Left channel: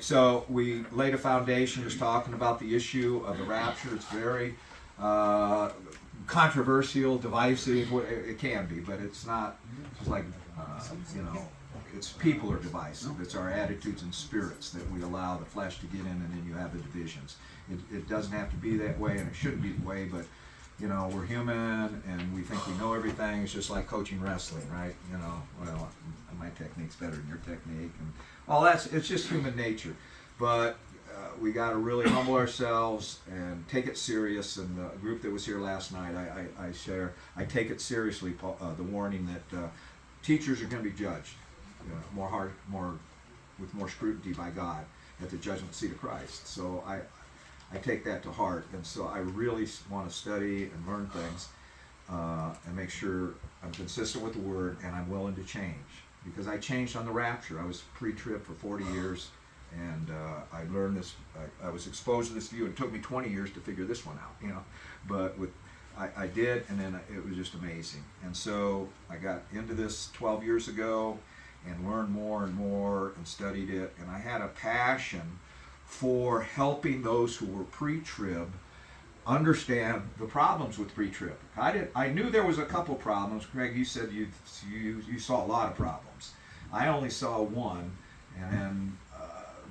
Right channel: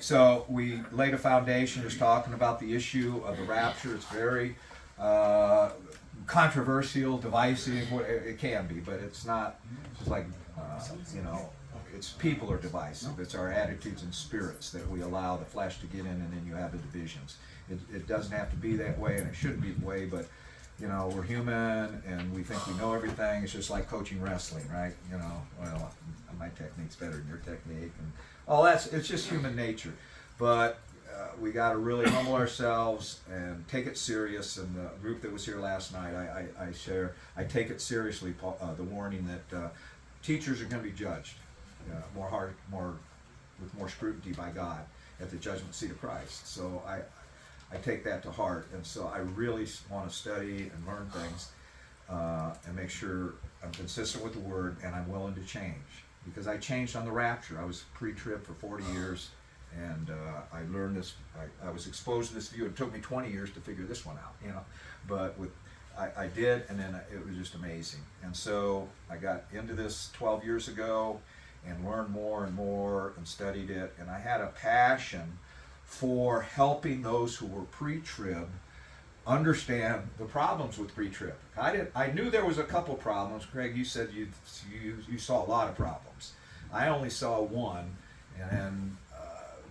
so we laid a foundation just talking about the issue of the rapture. It's very controversial, divisive. It can be, but it's not just like, it's people are divisive. It's our attitudes and spirits that we allow the flesh to get in, and then you have the divisions. It doesn't have to be that way, and it shouldn't be the way, but we're human and we think we know everything. It's just like coaching wrestling, right? Well, my technique's better than your technique, and all it's just human nature. But we got to really humble ourselves and take it serious. And the group that was here last night, I take it seriously, the warning that teachers are going to be judged with more scrutiny by God at the judgment seat of Christ. So I take that to heart, and so I really want to study and learn things and make sure I'm consistent with the Word, and I'm willing to change, because I changed on the rapture. I was pre-trib for 40 years, and I learned this. I was exposed to this view. It took me 20 years to figure this one out, but I did, and then it was just amazing. And so I got into this 12 years ago and learned more and more and studied it, and I had a passion for helping those who were pre-trib understand the problems with pre-trib. I knew there was a couple problems. Greg, you said you saw a lot of problems. I only saw one, and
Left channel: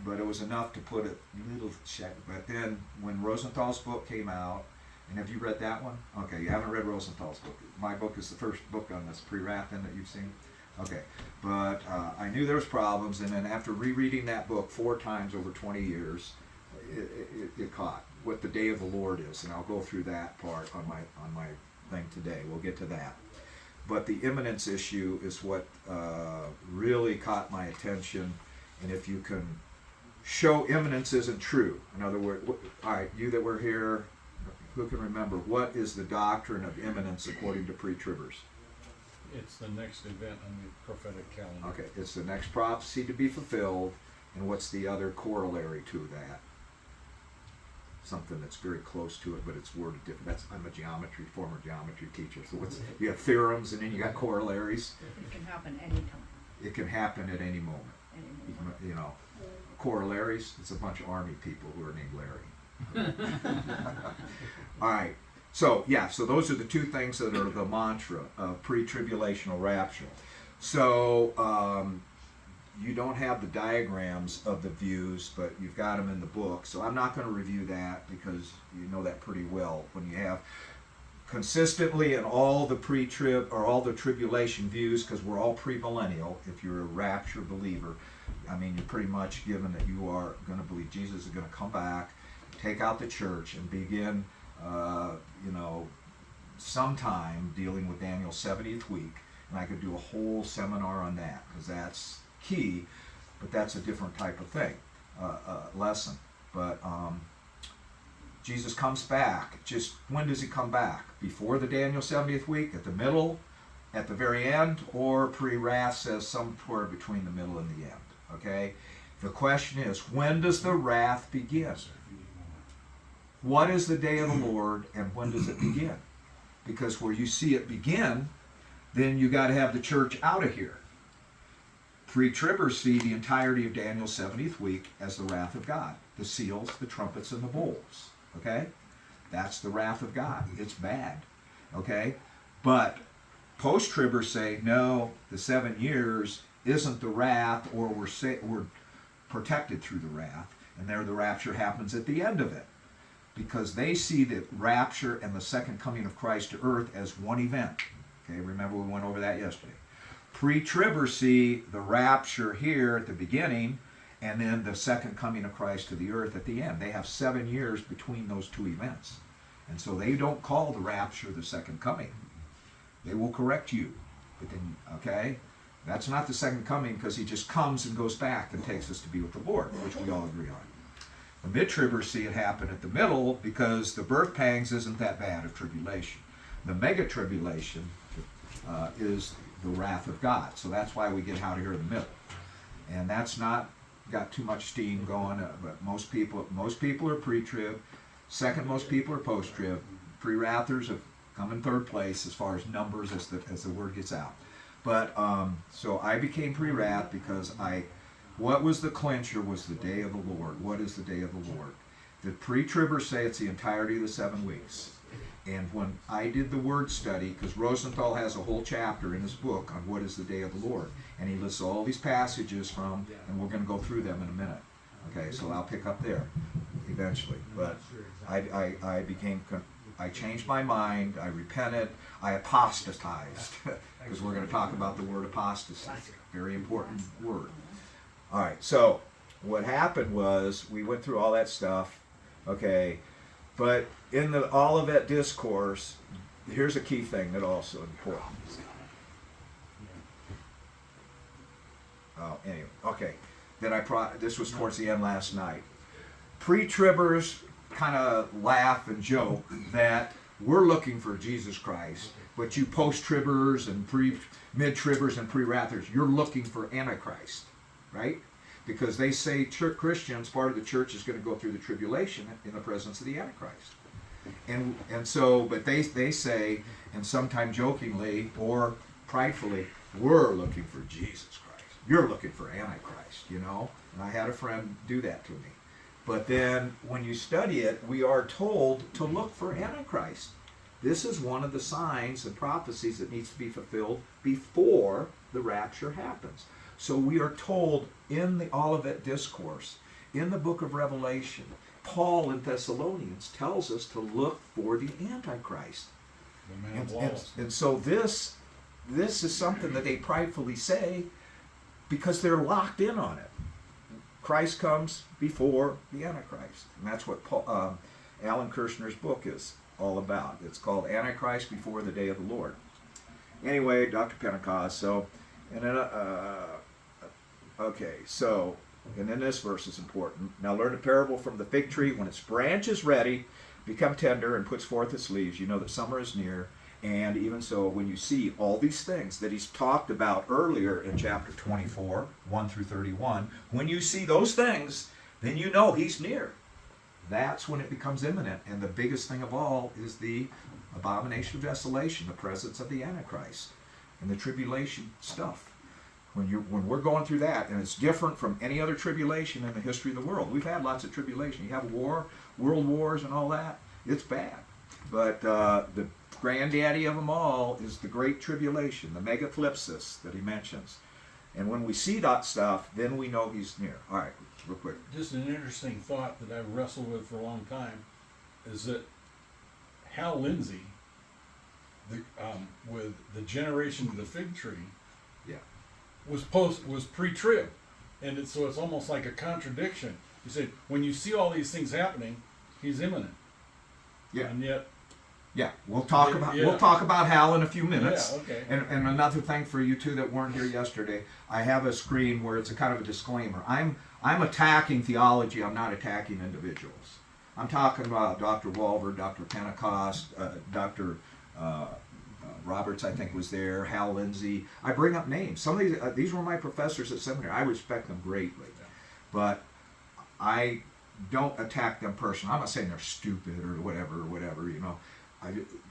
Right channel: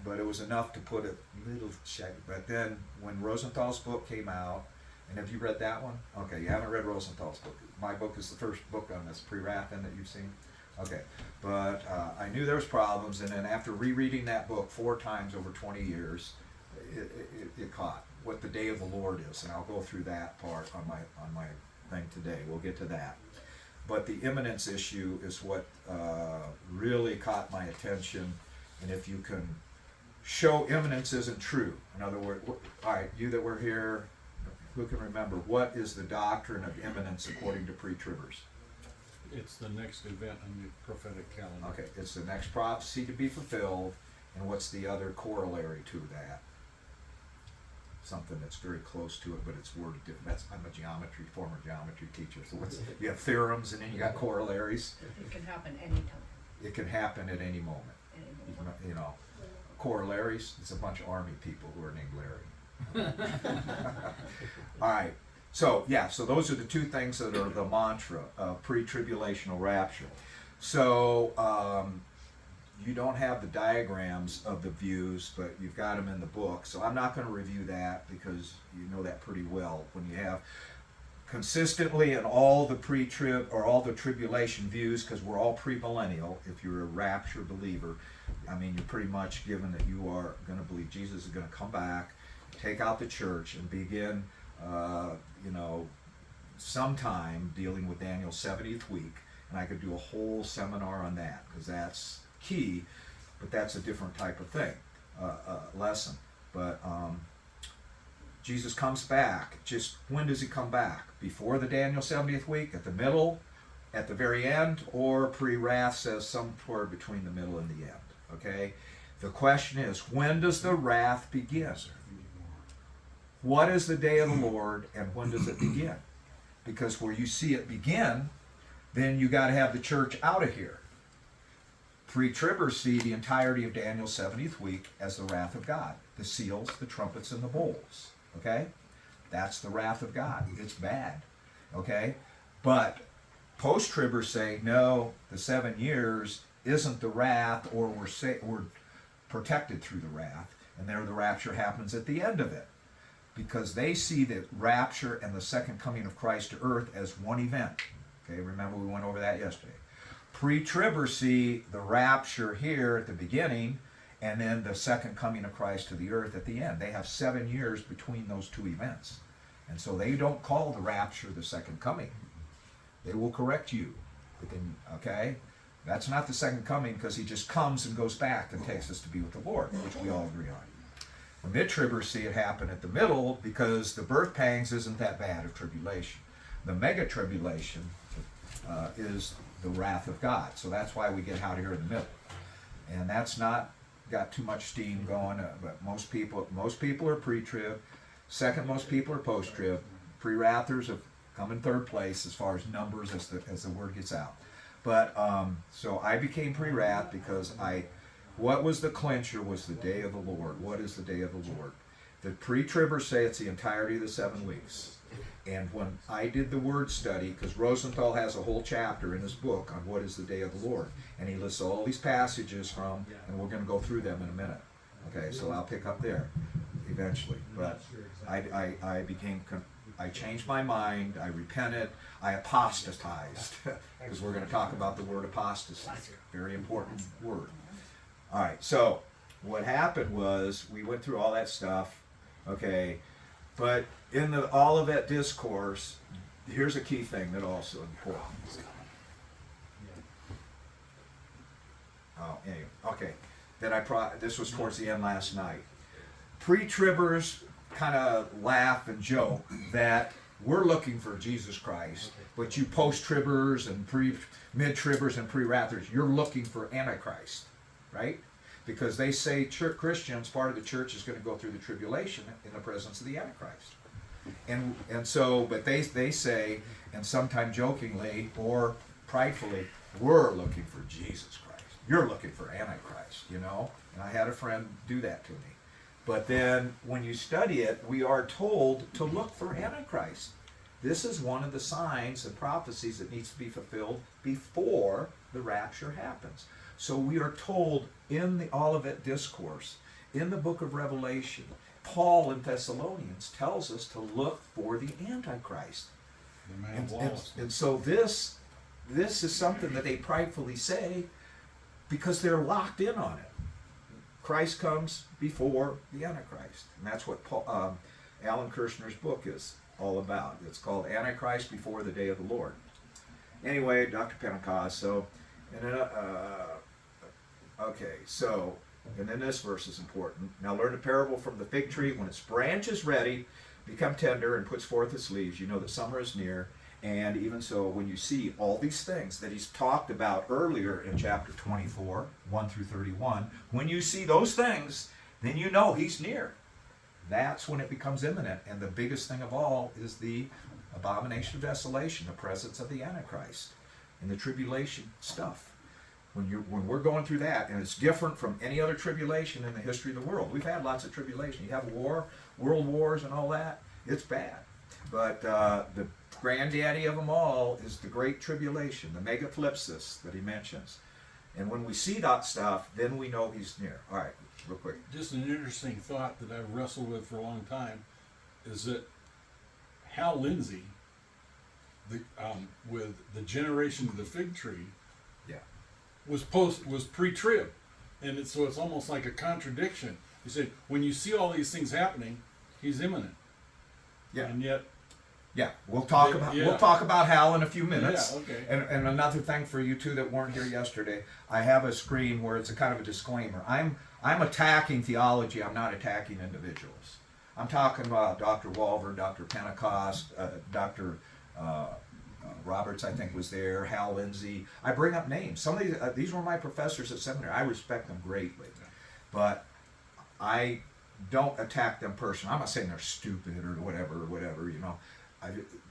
but it was enough to put a little check. But then when Rosenthal's book came out, and have you read that one? Okay, you haven't read Rosenthal's book. My book is the first book on this pre-wrath that you've seen. Okay, but I knew there was problems, and then after rereading that book 4 times over 20 years, it caught what the day of the Lord is, and I'll go through that part on my thing today. We'll get to that. But the imminence issue is what really caught my attention, and if you can show imminence isn't true. In other words, all right, you that were here, who can remember, what is the doctrine of imminence according to pre-tribbers? It's the next event on the prophetic calendar. Okay, it's the next prophecy to be fulfilled, and what's the other corollary to that? Something that's very close to it, but it's worded different. I'm a former geometry teacher, so you have theorems, and then you got corollaries. It can happen anytime. It can happen at any moment. Corollaries, it's a bunch of army people who are named Larry. All right. So those are the 2 things that are the mantra of pre-tribulational rapture. So you don't have the diagrams of the views, but you've got them in the book. So I'm not going to review that, because you know that pretty well. When you have consistently in all the pre-trib or all the tribulation views, because we're all premillennial, if you're a rapture believer, you're pretty much given that you are going to believe Jesus is going to come back, take out the church, and begin sometime dealing with Daniel's 70th week. And I could do a whole seminar on that, because that's key, but that's a different type of thing, lesson. But Jesus comes back. Just when does he come back? Before the Daniel 70th week, at the middle, at the very end, or pre-wrath says somewhere between the middle and the end. Okay? The question is, when does the wrath begin? What is the day of the Lord, and when does it begin? Because where you see it begin, then you got to have the church out of here. Pre-tribbers see the entirety of Daniel's 70th week as the wrath of God. The seals, the trumpets, and the bowls. Okay? That's the wrath of God. It's bad. Okay? But post-tribbers say, no, the 7 years isn't the wrath, or we're protected through the wrath, and there the rapture happens at the end of it. Because they see the rapture and the second coming of Christ to earth as one event. Okay, remember we went over that yesterday. Pre-tribbers see the rapture here at the beginning, and then the second coming of Christ to the earth at the end. They have 7 years between those 2 events. And so they don't call the rapture the second coming. They will correct you. Okay? That's not the second coming, because he just comes and goes back and takes us to be with the Lord, which we all agree on. The mid-tribbers see it happen at the middle, because the birth pangs isn't that bad of tribulation. The mega-tribulation is the wrath of God. So that's why we get out here in the middle. And that's not got too much steam going, but most people are pre-trib. Second most people are post-trib. Pre-wrathers have come in 3rd place as far as numbers as the word gets out. But so I became pre-wrath because I What was the clincher was the day of the Lord. What is the day of the Lord? The pre-tribbers say it's the entirety of the 7 weeks. And when I did the word study, because Rosenthal has a whole chapter in his book on what is the day of the Lord, and he lists all these passages from, and we're going to go through them in a minute. Okay, so I'll pick up there eventually. But I changed my mind, I repented, I apostatized, because we're going to talk about the word apostasy. Very important word. All right, so what happened was we went through all that stuff, okay, but in the Olivet Discourse, here's a key thing that also important. Oh, anyway, okay. This was towards the end last night. Pre-tribbers kind of laugh and joke that we're looking for Jesus Christ, but you post-tribbers and mid-tribbers and pre-raptors, you're looking for Antichrist, right? Because they say Christians, part of the church is going to go through the tribulation in the presence of the Antichrist. And so, but they say, and sometimes jokingly or pridefully, we're looking for Jesus Christ. You're looking for Antichrist, you know? And I had a friend do that to me. But then when you study it, we are told to look for Antichrist. This is one of the signs and prophecies that needs to be fulfilled before the rapture happens. So we are told in the Olivet Discourse, in the book of Revelation, Paul in Thessalonians tells us to look for the Antichrist. The man of lawlessness. And so this is something that they pridefully say because they're locked in on it. Christ comes before the Antichrist. And that's what Alan Kirshner's book is all about. It's called Antichrist Before the Day of the Lord. Anyway, Dr. Pentecost, so, and then, okay, so, and then this verse is important. Now learn the parable from the fig tree. When its branch is ready, become tender and puts forth its leaves, you know that summer is near. And even so, when you see all these things that he's talked about earlier in chapter 24, 1 through 31, when you see those things, then you know he's near. That's when it becomes imminent. And the biggest thing of all is the abomination of desolation, the presence of the Antichrist, and the tribulation stuff. When we're going through that, and it's different from any other tribulation in the history of the world. We've had lots of tribulation. You have war, world wars, and all that. It's bad. But the granddaddy of them all is the Great Tribulation, the megathlipsis that he mentions. And when we see that stuff, then we know he's near. All right, real quick. Just an interesting thought that I've wrestled with for a long time is that Hal Lindsey, with the generation of the fig tree, yeah, was pre-trib, and so it's almost like a contradiction. You say when you see all these things happening, he's imminent. Yeah, and yet. Yeah, we'll talk about Hal in a few minutes. Yeah, okay. And another thing for you two that weren't here yesterday, I have a screen where it's a kind of a disclaimer. I'm attacking theology. I'm not attacking individuals. I'm talking about Dr. Walver, Dr. Pentecost, Dr. Roberts, I think, was there. Hal Lindsey. I bring up names. Some of these were my professors at seminary. I respect them greatly, but I don't attack them personally. I'm not saying they're stupid or whatever, you know.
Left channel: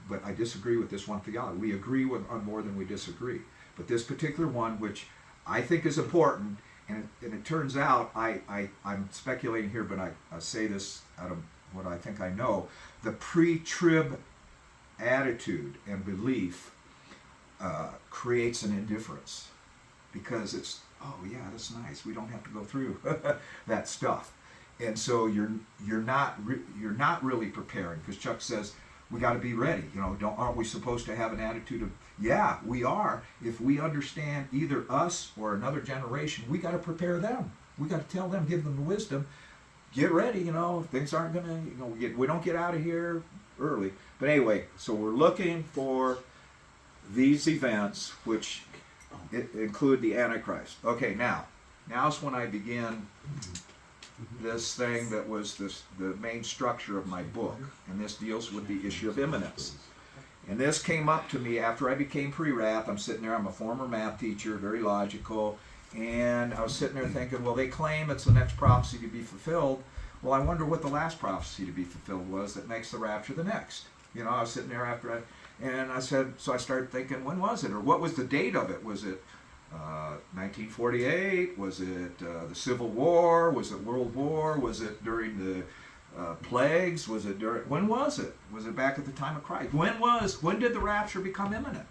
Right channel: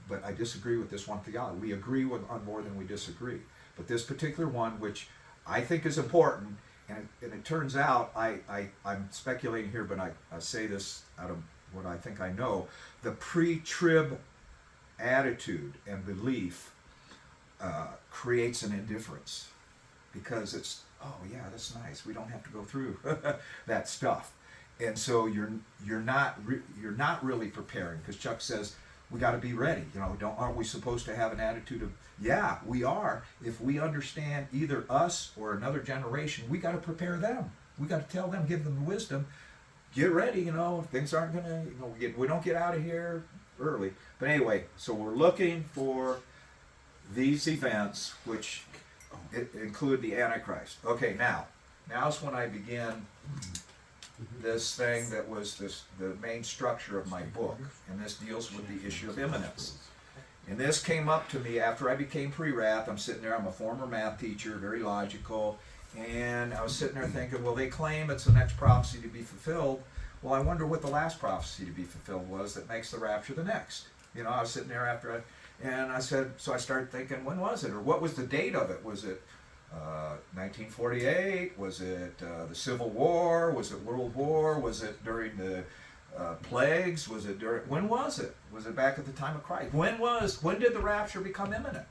But I disagree with this one theology. We agree on more than we disagree. But this particular one, which I think is important, and it turns out, I'm speculating here, but I say this out of what I think I know, the pre-trib attitude and belief creates an indifference. Because it's, oh yeah, that's nice. We don't have to go through that stuff. And so you're not really preparing, because Chuck says, we got to be ready. You know, aren't we supposed to have an attitude of, yeah, we are. If we understand either us or another generation, we got to prepare them. We got to tell them, give them the wisdom. Get ready, you know, things aren't going to, you know, we don't get out of here early. But anyway, so we're looking for these events, which include the Antichrist. Okay, now's when I begin this thing that was the main structure of my book, and this deals with the issue of imminence. And this came up to me after I became pre-wrath. I'm sitting there, I'm a former math teacher, very logical, and I was sitting there thinking, well, they claim it's the next prophecy to be fulfilled. Well, I wonder what the last prophecy to be fulfilled was that makes the rapture the next. You know, I was sitting there and I said, so I started thinking, when was it, or what was the date of it? Was it 1948? Was it the Civil War? Was it World War? Was it during the plagues? Was it during? When was it? Was it back at the time of Christ? When did the rapture become imminent?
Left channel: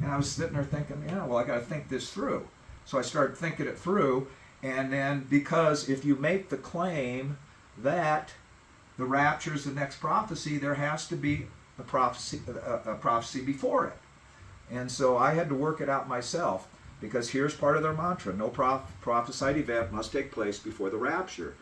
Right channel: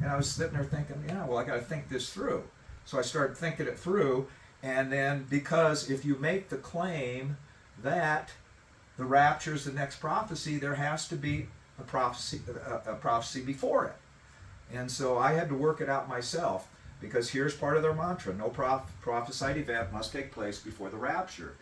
And I was sitting there thinking, yeah, well, I got to think this through. So I started thinking it through, and then because if you make the claim that the rapture is the next prophecy, there has to be a prophecy before it. And so I had to work it out myself, because here's part of their mantra: no prophesied event must take place before the rapture.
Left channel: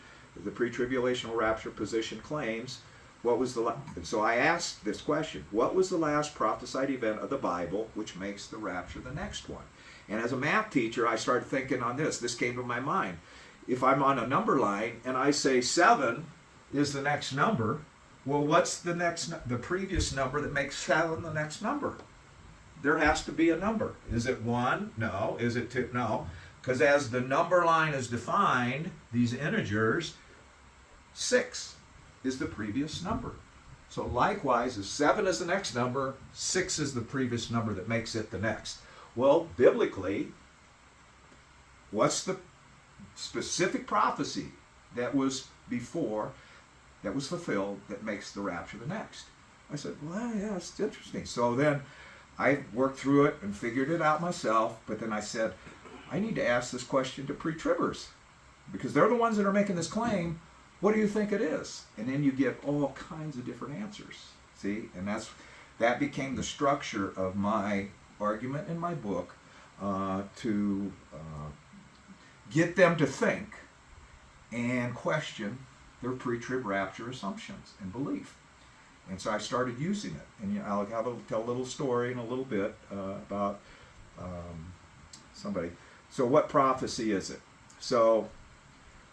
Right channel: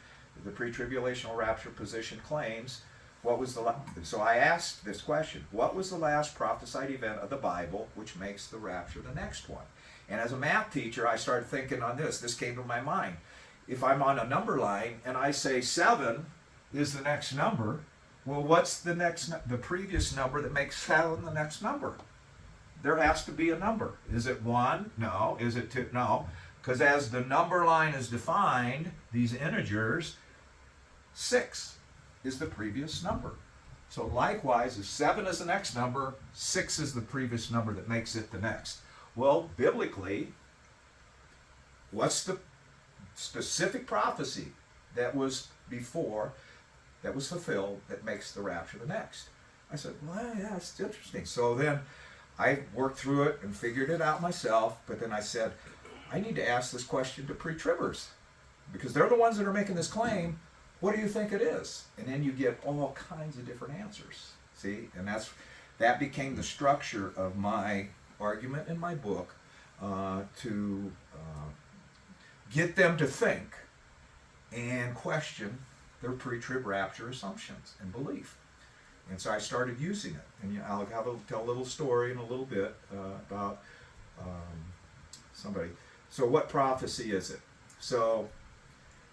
The pre-tribulational rapture position claims, so I asked this question: what was the last prophesied event of the Bible which makes the rapture the next one? And as a math teacher, I started thinking on this. This came to my mind. If I'm on a number line and I say 7 is the next number, well, what's the previous number that makes 7 the next number? There has to be a number. Is it 1? No. Is it 2? No. Because as the number line is defined, these integers, 6 is the previous number. So likewise, if 7 is the next number, 6 is the previous number that makes it the next. Well, biblically, what's the specific prophecy that was before, that was fulfilled, that makes the rapture the next? I said, well, yeah, it's interesting. So then I worked through it and figured it out myself, but then I said, I need to ask this question to pre-tribbers, because they're the ones that are making this claim. What do you think it is? And then you get all kinds of different answers. See? And that became the structure of my argument in my book, to get them to think and question their pre-trib rapture assumptions and belief. And so I started using it. And I'll tell a little story in a little bit about somebody. So what prophecy is it? So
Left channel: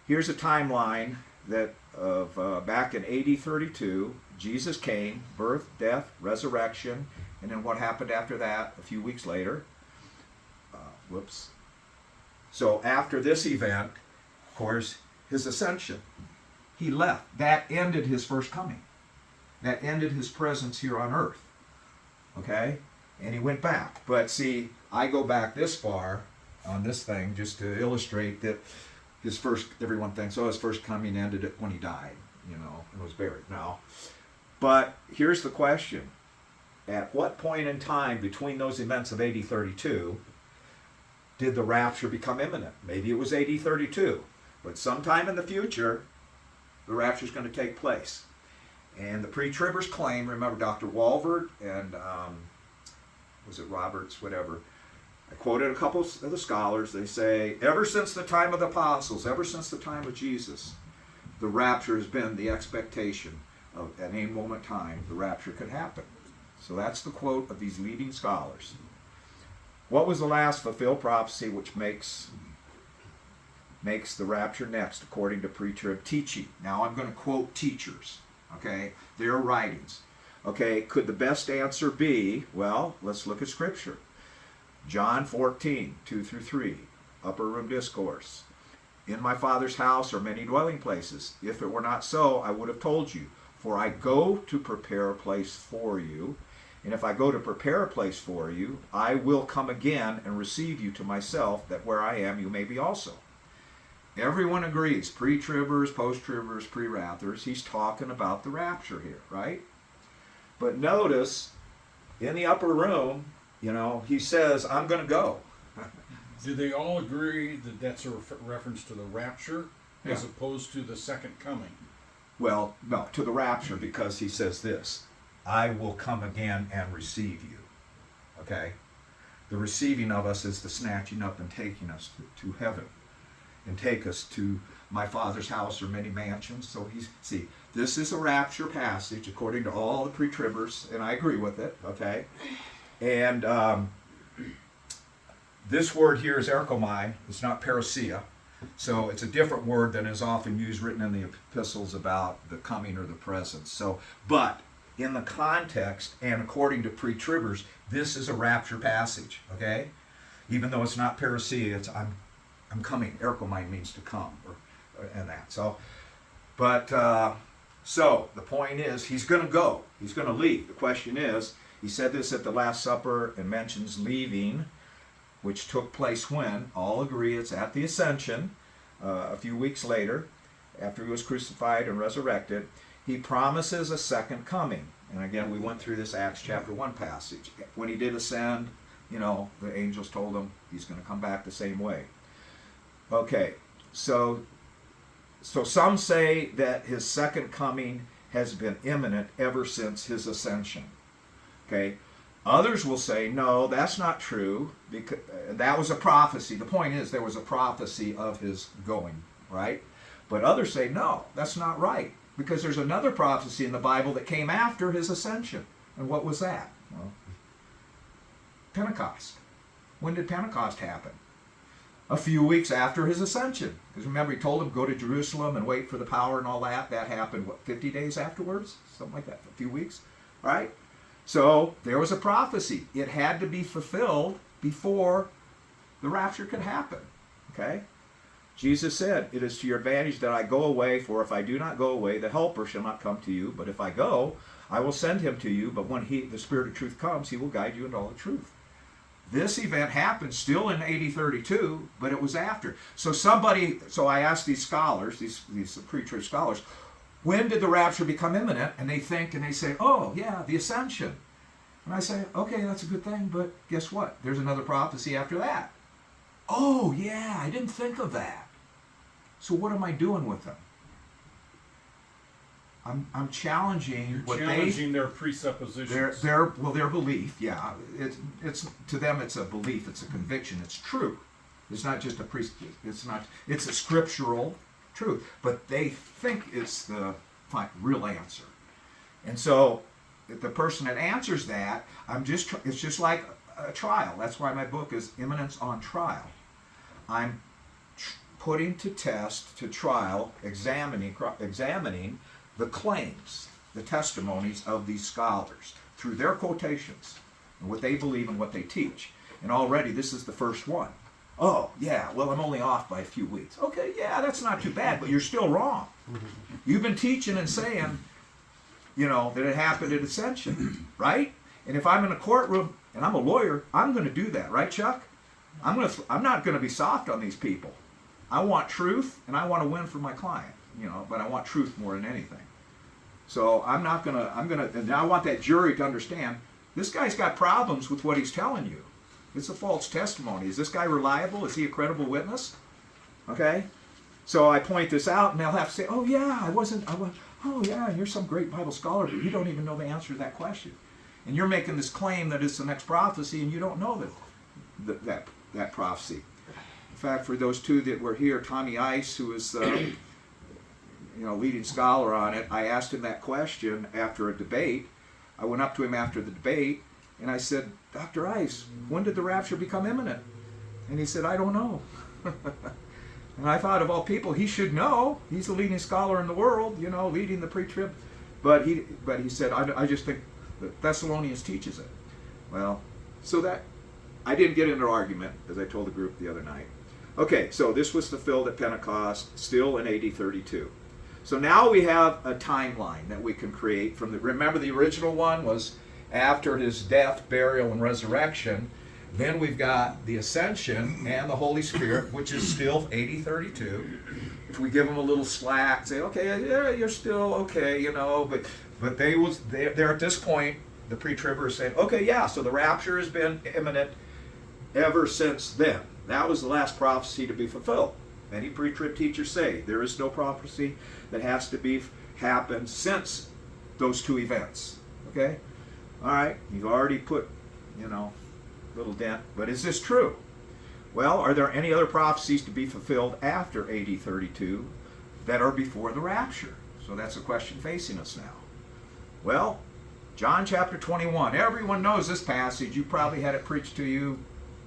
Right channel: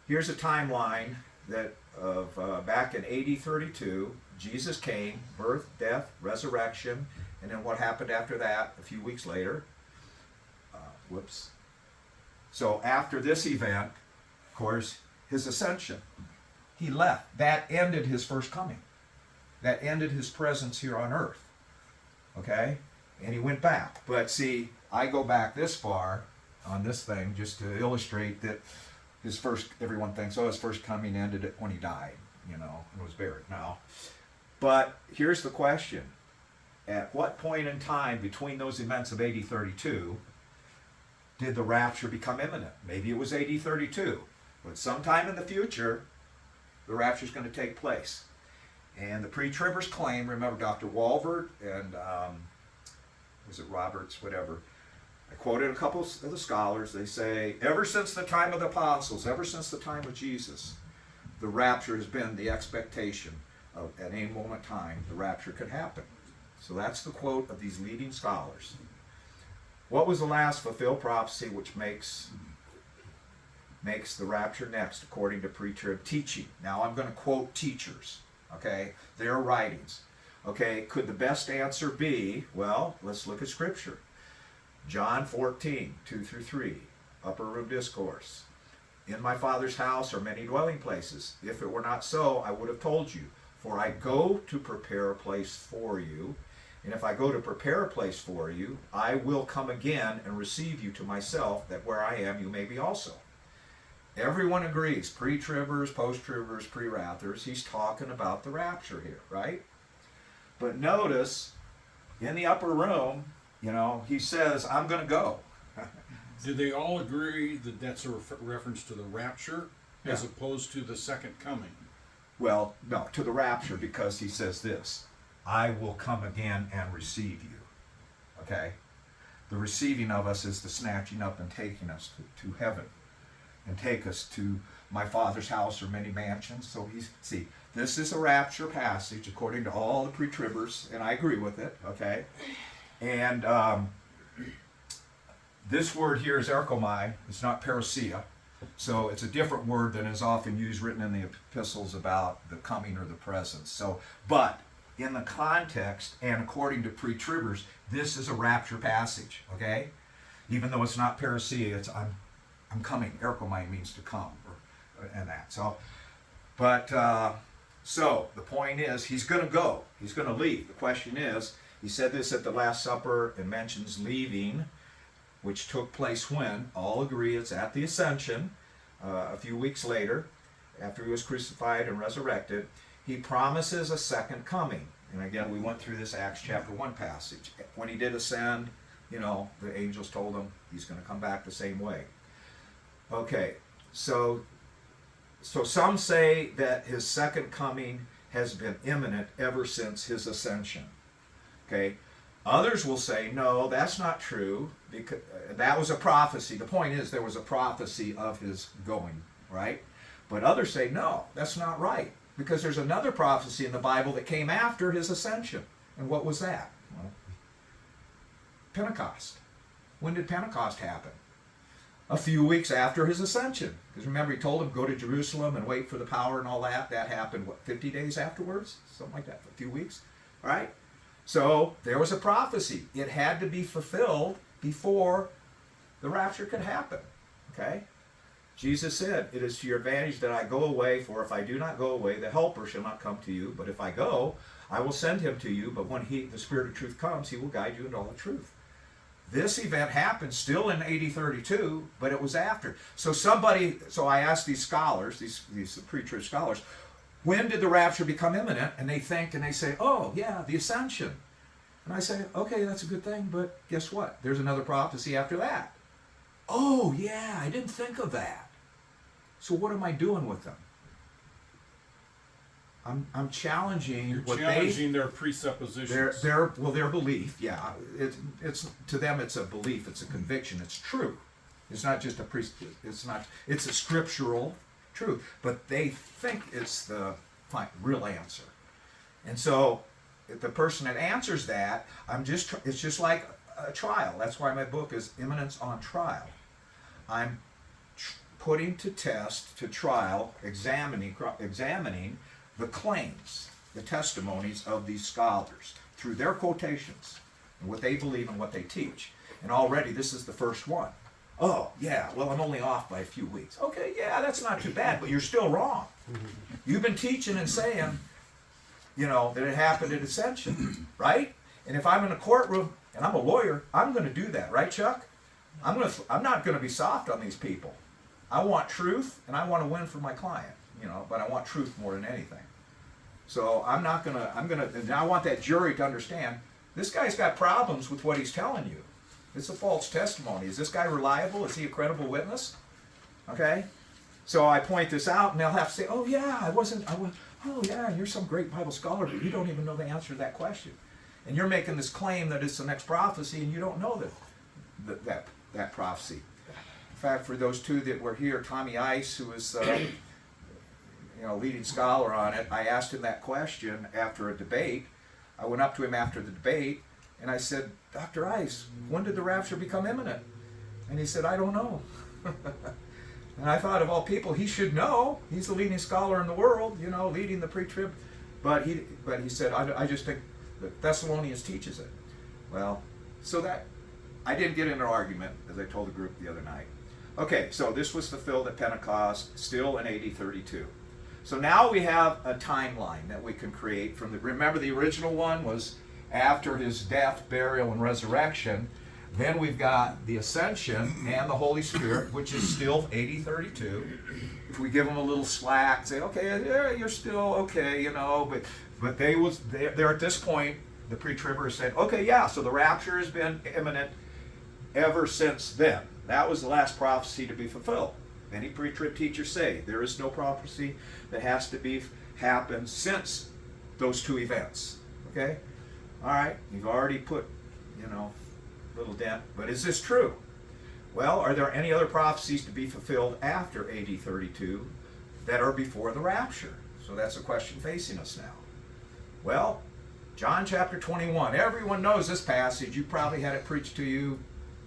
here's a timeline that of back in AD 32, Jesus came, birth, death, resurrection, and then what happened after that a few weeks later. So after this event, of course, his ascension. He left. That ended his first coming. That ended his presence here on earth. Okay? And he went back. But see, I go back this far on this thing just to illustrate that everyone thinks, his first coming ended when he died, and was buried. No. But here's the question. At what point in time between those events of AD 32 did the rapture become imminent? Maybe it was AD 32. But sometime in the future, the rapture is going to take place. And the pre-tribbers claim, remember Dr. Walvoord and, was it Roberts, whatever. I quoted a couple of the scholars. They say, ever since the time of the apostles, ever since the time of Jesus, the rapture has been the expectation of, at any moment in time, the rapture could happen. So that's the quote of these leading scholars. What was the last fulfilled prophecy which makes the rapture next, according to pre-trib teaching? Now I'm going to quote teachers, okay, their writings. Okay, could the best answer be, well, let's look at Scripture. John 14, 2 through 3, Upper Room Discourse. In my Father's house are many dwelling places. If it were not so, I would have told you. For I go to prepare a place for you. And if I go to prepare a place for you, I will come again and receive you to myself, that where I am, you may be also. Everyone agrees, pre-tribbers, post-tribbers, pre-wrathers, he's talking about the rapture here, right? But notice, in the upper room, he says, I'm going to go. Do they all agree that that's a reference to the rapture as Yeah. opposed to the second coming? Well, no, to the rapture, because he says this, I will come again and receive you. Okay? The receiving of us is the snatching up and taking us to heaven and take us to my Father's house or many mansions. So this is a rapture passage according to all the pre-tribbers, and I agree with it, okay? And this word here is erchomai. It's not parousia. So it's a different word than is often used, written in the epistles about the coming or the presence. So, but in the context and according to pre-tribbers, this is a rapture passage, okay? Even though it's not parousia, it's I'm coming. Erchomai means to come, and that. So, but so the point is, he's going to go. He's going to leave. The question is, he said this at the Last Supper and mentions leaving. which took place when? All agree it's at the ascension, a few weeks later, after he was crucified and resurrected. He promises a second coming. And again, we went through this Acts chapter 1 passage. When he did ascend, the angels told him he's going to come back the same way. Okay, so some say that his second coming has been imminent ever since his ascension. Okay, others will say, no, that's not true, because that was a prophecy. The point is, there was a prophecy of his going, right? But others say, no, that's not right, because there's another prophecy in the Bible that came after his ascension. And what was that? Well, Pentecost. When did Pentecost happen? A few weeks after his ascension. Because remember, he told them, go to Jerusalem and wait for the power and all that. That happened, 50 days afterwards? Something like that, a few weeks, right? So there was a prophecy. It had to be fulfilled before the rapture could happen, okay? Jesus said, it is to your advantage that I go away, for if I do not go away, the Helper shall not come to you. But if I go, I will send him to you. But when the Spirit of truth comes, he will guide you into all the truth. This event happened still in AD 32, but it was after. So I asked these scholars, these pre-trib scholars, when did the rapture become imminent? And they think and they say, oh, yeah, the ascension. And I say, okay, that's a good thing, but guess what? There's another prophecy after that. Oh, yeah, I didn't think of that. So what am I doing with them? I'm challenging their presuppositions. Their belief. Yeah, it's to them it's a belief, it's a conviction, it's true. It's not just it's a scriptural truth, but they think it's the real answer. And so, if the person that answers that, it's just like a trial. That's why my book is Imminence on Trial. I'm putting to test, to trial, examining the claims, the testimonies of these scholars through their quotations and what they believe and what they teach. And already this is the first one. Oh, yeah, well, I'm only off by a few weeks. Okay, yeah, that's not too bad, but you're still wrong. You've been teaching and saying, that it happened at Ascension, right? And if I'm in a courtroom and I'm a lawyer, I'm going to do that, right, Chuck? I'm not going to be soft on these people. I want truth, and I want to win for my client, but I want truth more than anything. So and I want that jury to understand, this guy's got problems with what he's telling you. It's a false testimony. Is this guy reliable? Is he a credible witness? Okay? So I point this out, and they'll have to say, oh yeah, oh yeah, you're some great Bible scholar, but you don't even know the answer to that question. And you're making this claim that it's the next prophecy, and you don't know that prophecy. In fact, for those two that were here, Tommy Ice, who was leading scholar on it, I asked him that question after a debate. I went up to him after the debate, and I said, Dr. Ice, when did the rapture become imminent? And he said, I don't know. And I thought, of all people, he should know. He's the leading scholar in the world, leading the pre-trib. But he said, I just think the Thessalonians teaches it. Well, so that, I didn't get into an argument, as I told the group the other night. Okay, so this was fulfilled at Pentecost, still in AD 32. So now we have a timeline that we can create from remember the original one was after his death, burial, and resurrection. Then we've got the ascension and the Holy Spirit, which is still AD 32. If we give them a little slack, say, okay, yeah, you're still okay, but they're at this point, the pre-tribbers saying, okay, yeah, so the rapture has been imminent ever since then. That was the last prophecy to be fulfilled. Many pre-trib teachers say there is no prophecy that has to happen since those two events. Okay? All right, you've already put, little dent, but is this true? Well, are there any other prophecies to be fulfilled after AD 32 that are before the rapture? So that's a question facing us now. Well, John chapter 21. Everyone knows this passage. You probably had it preached to you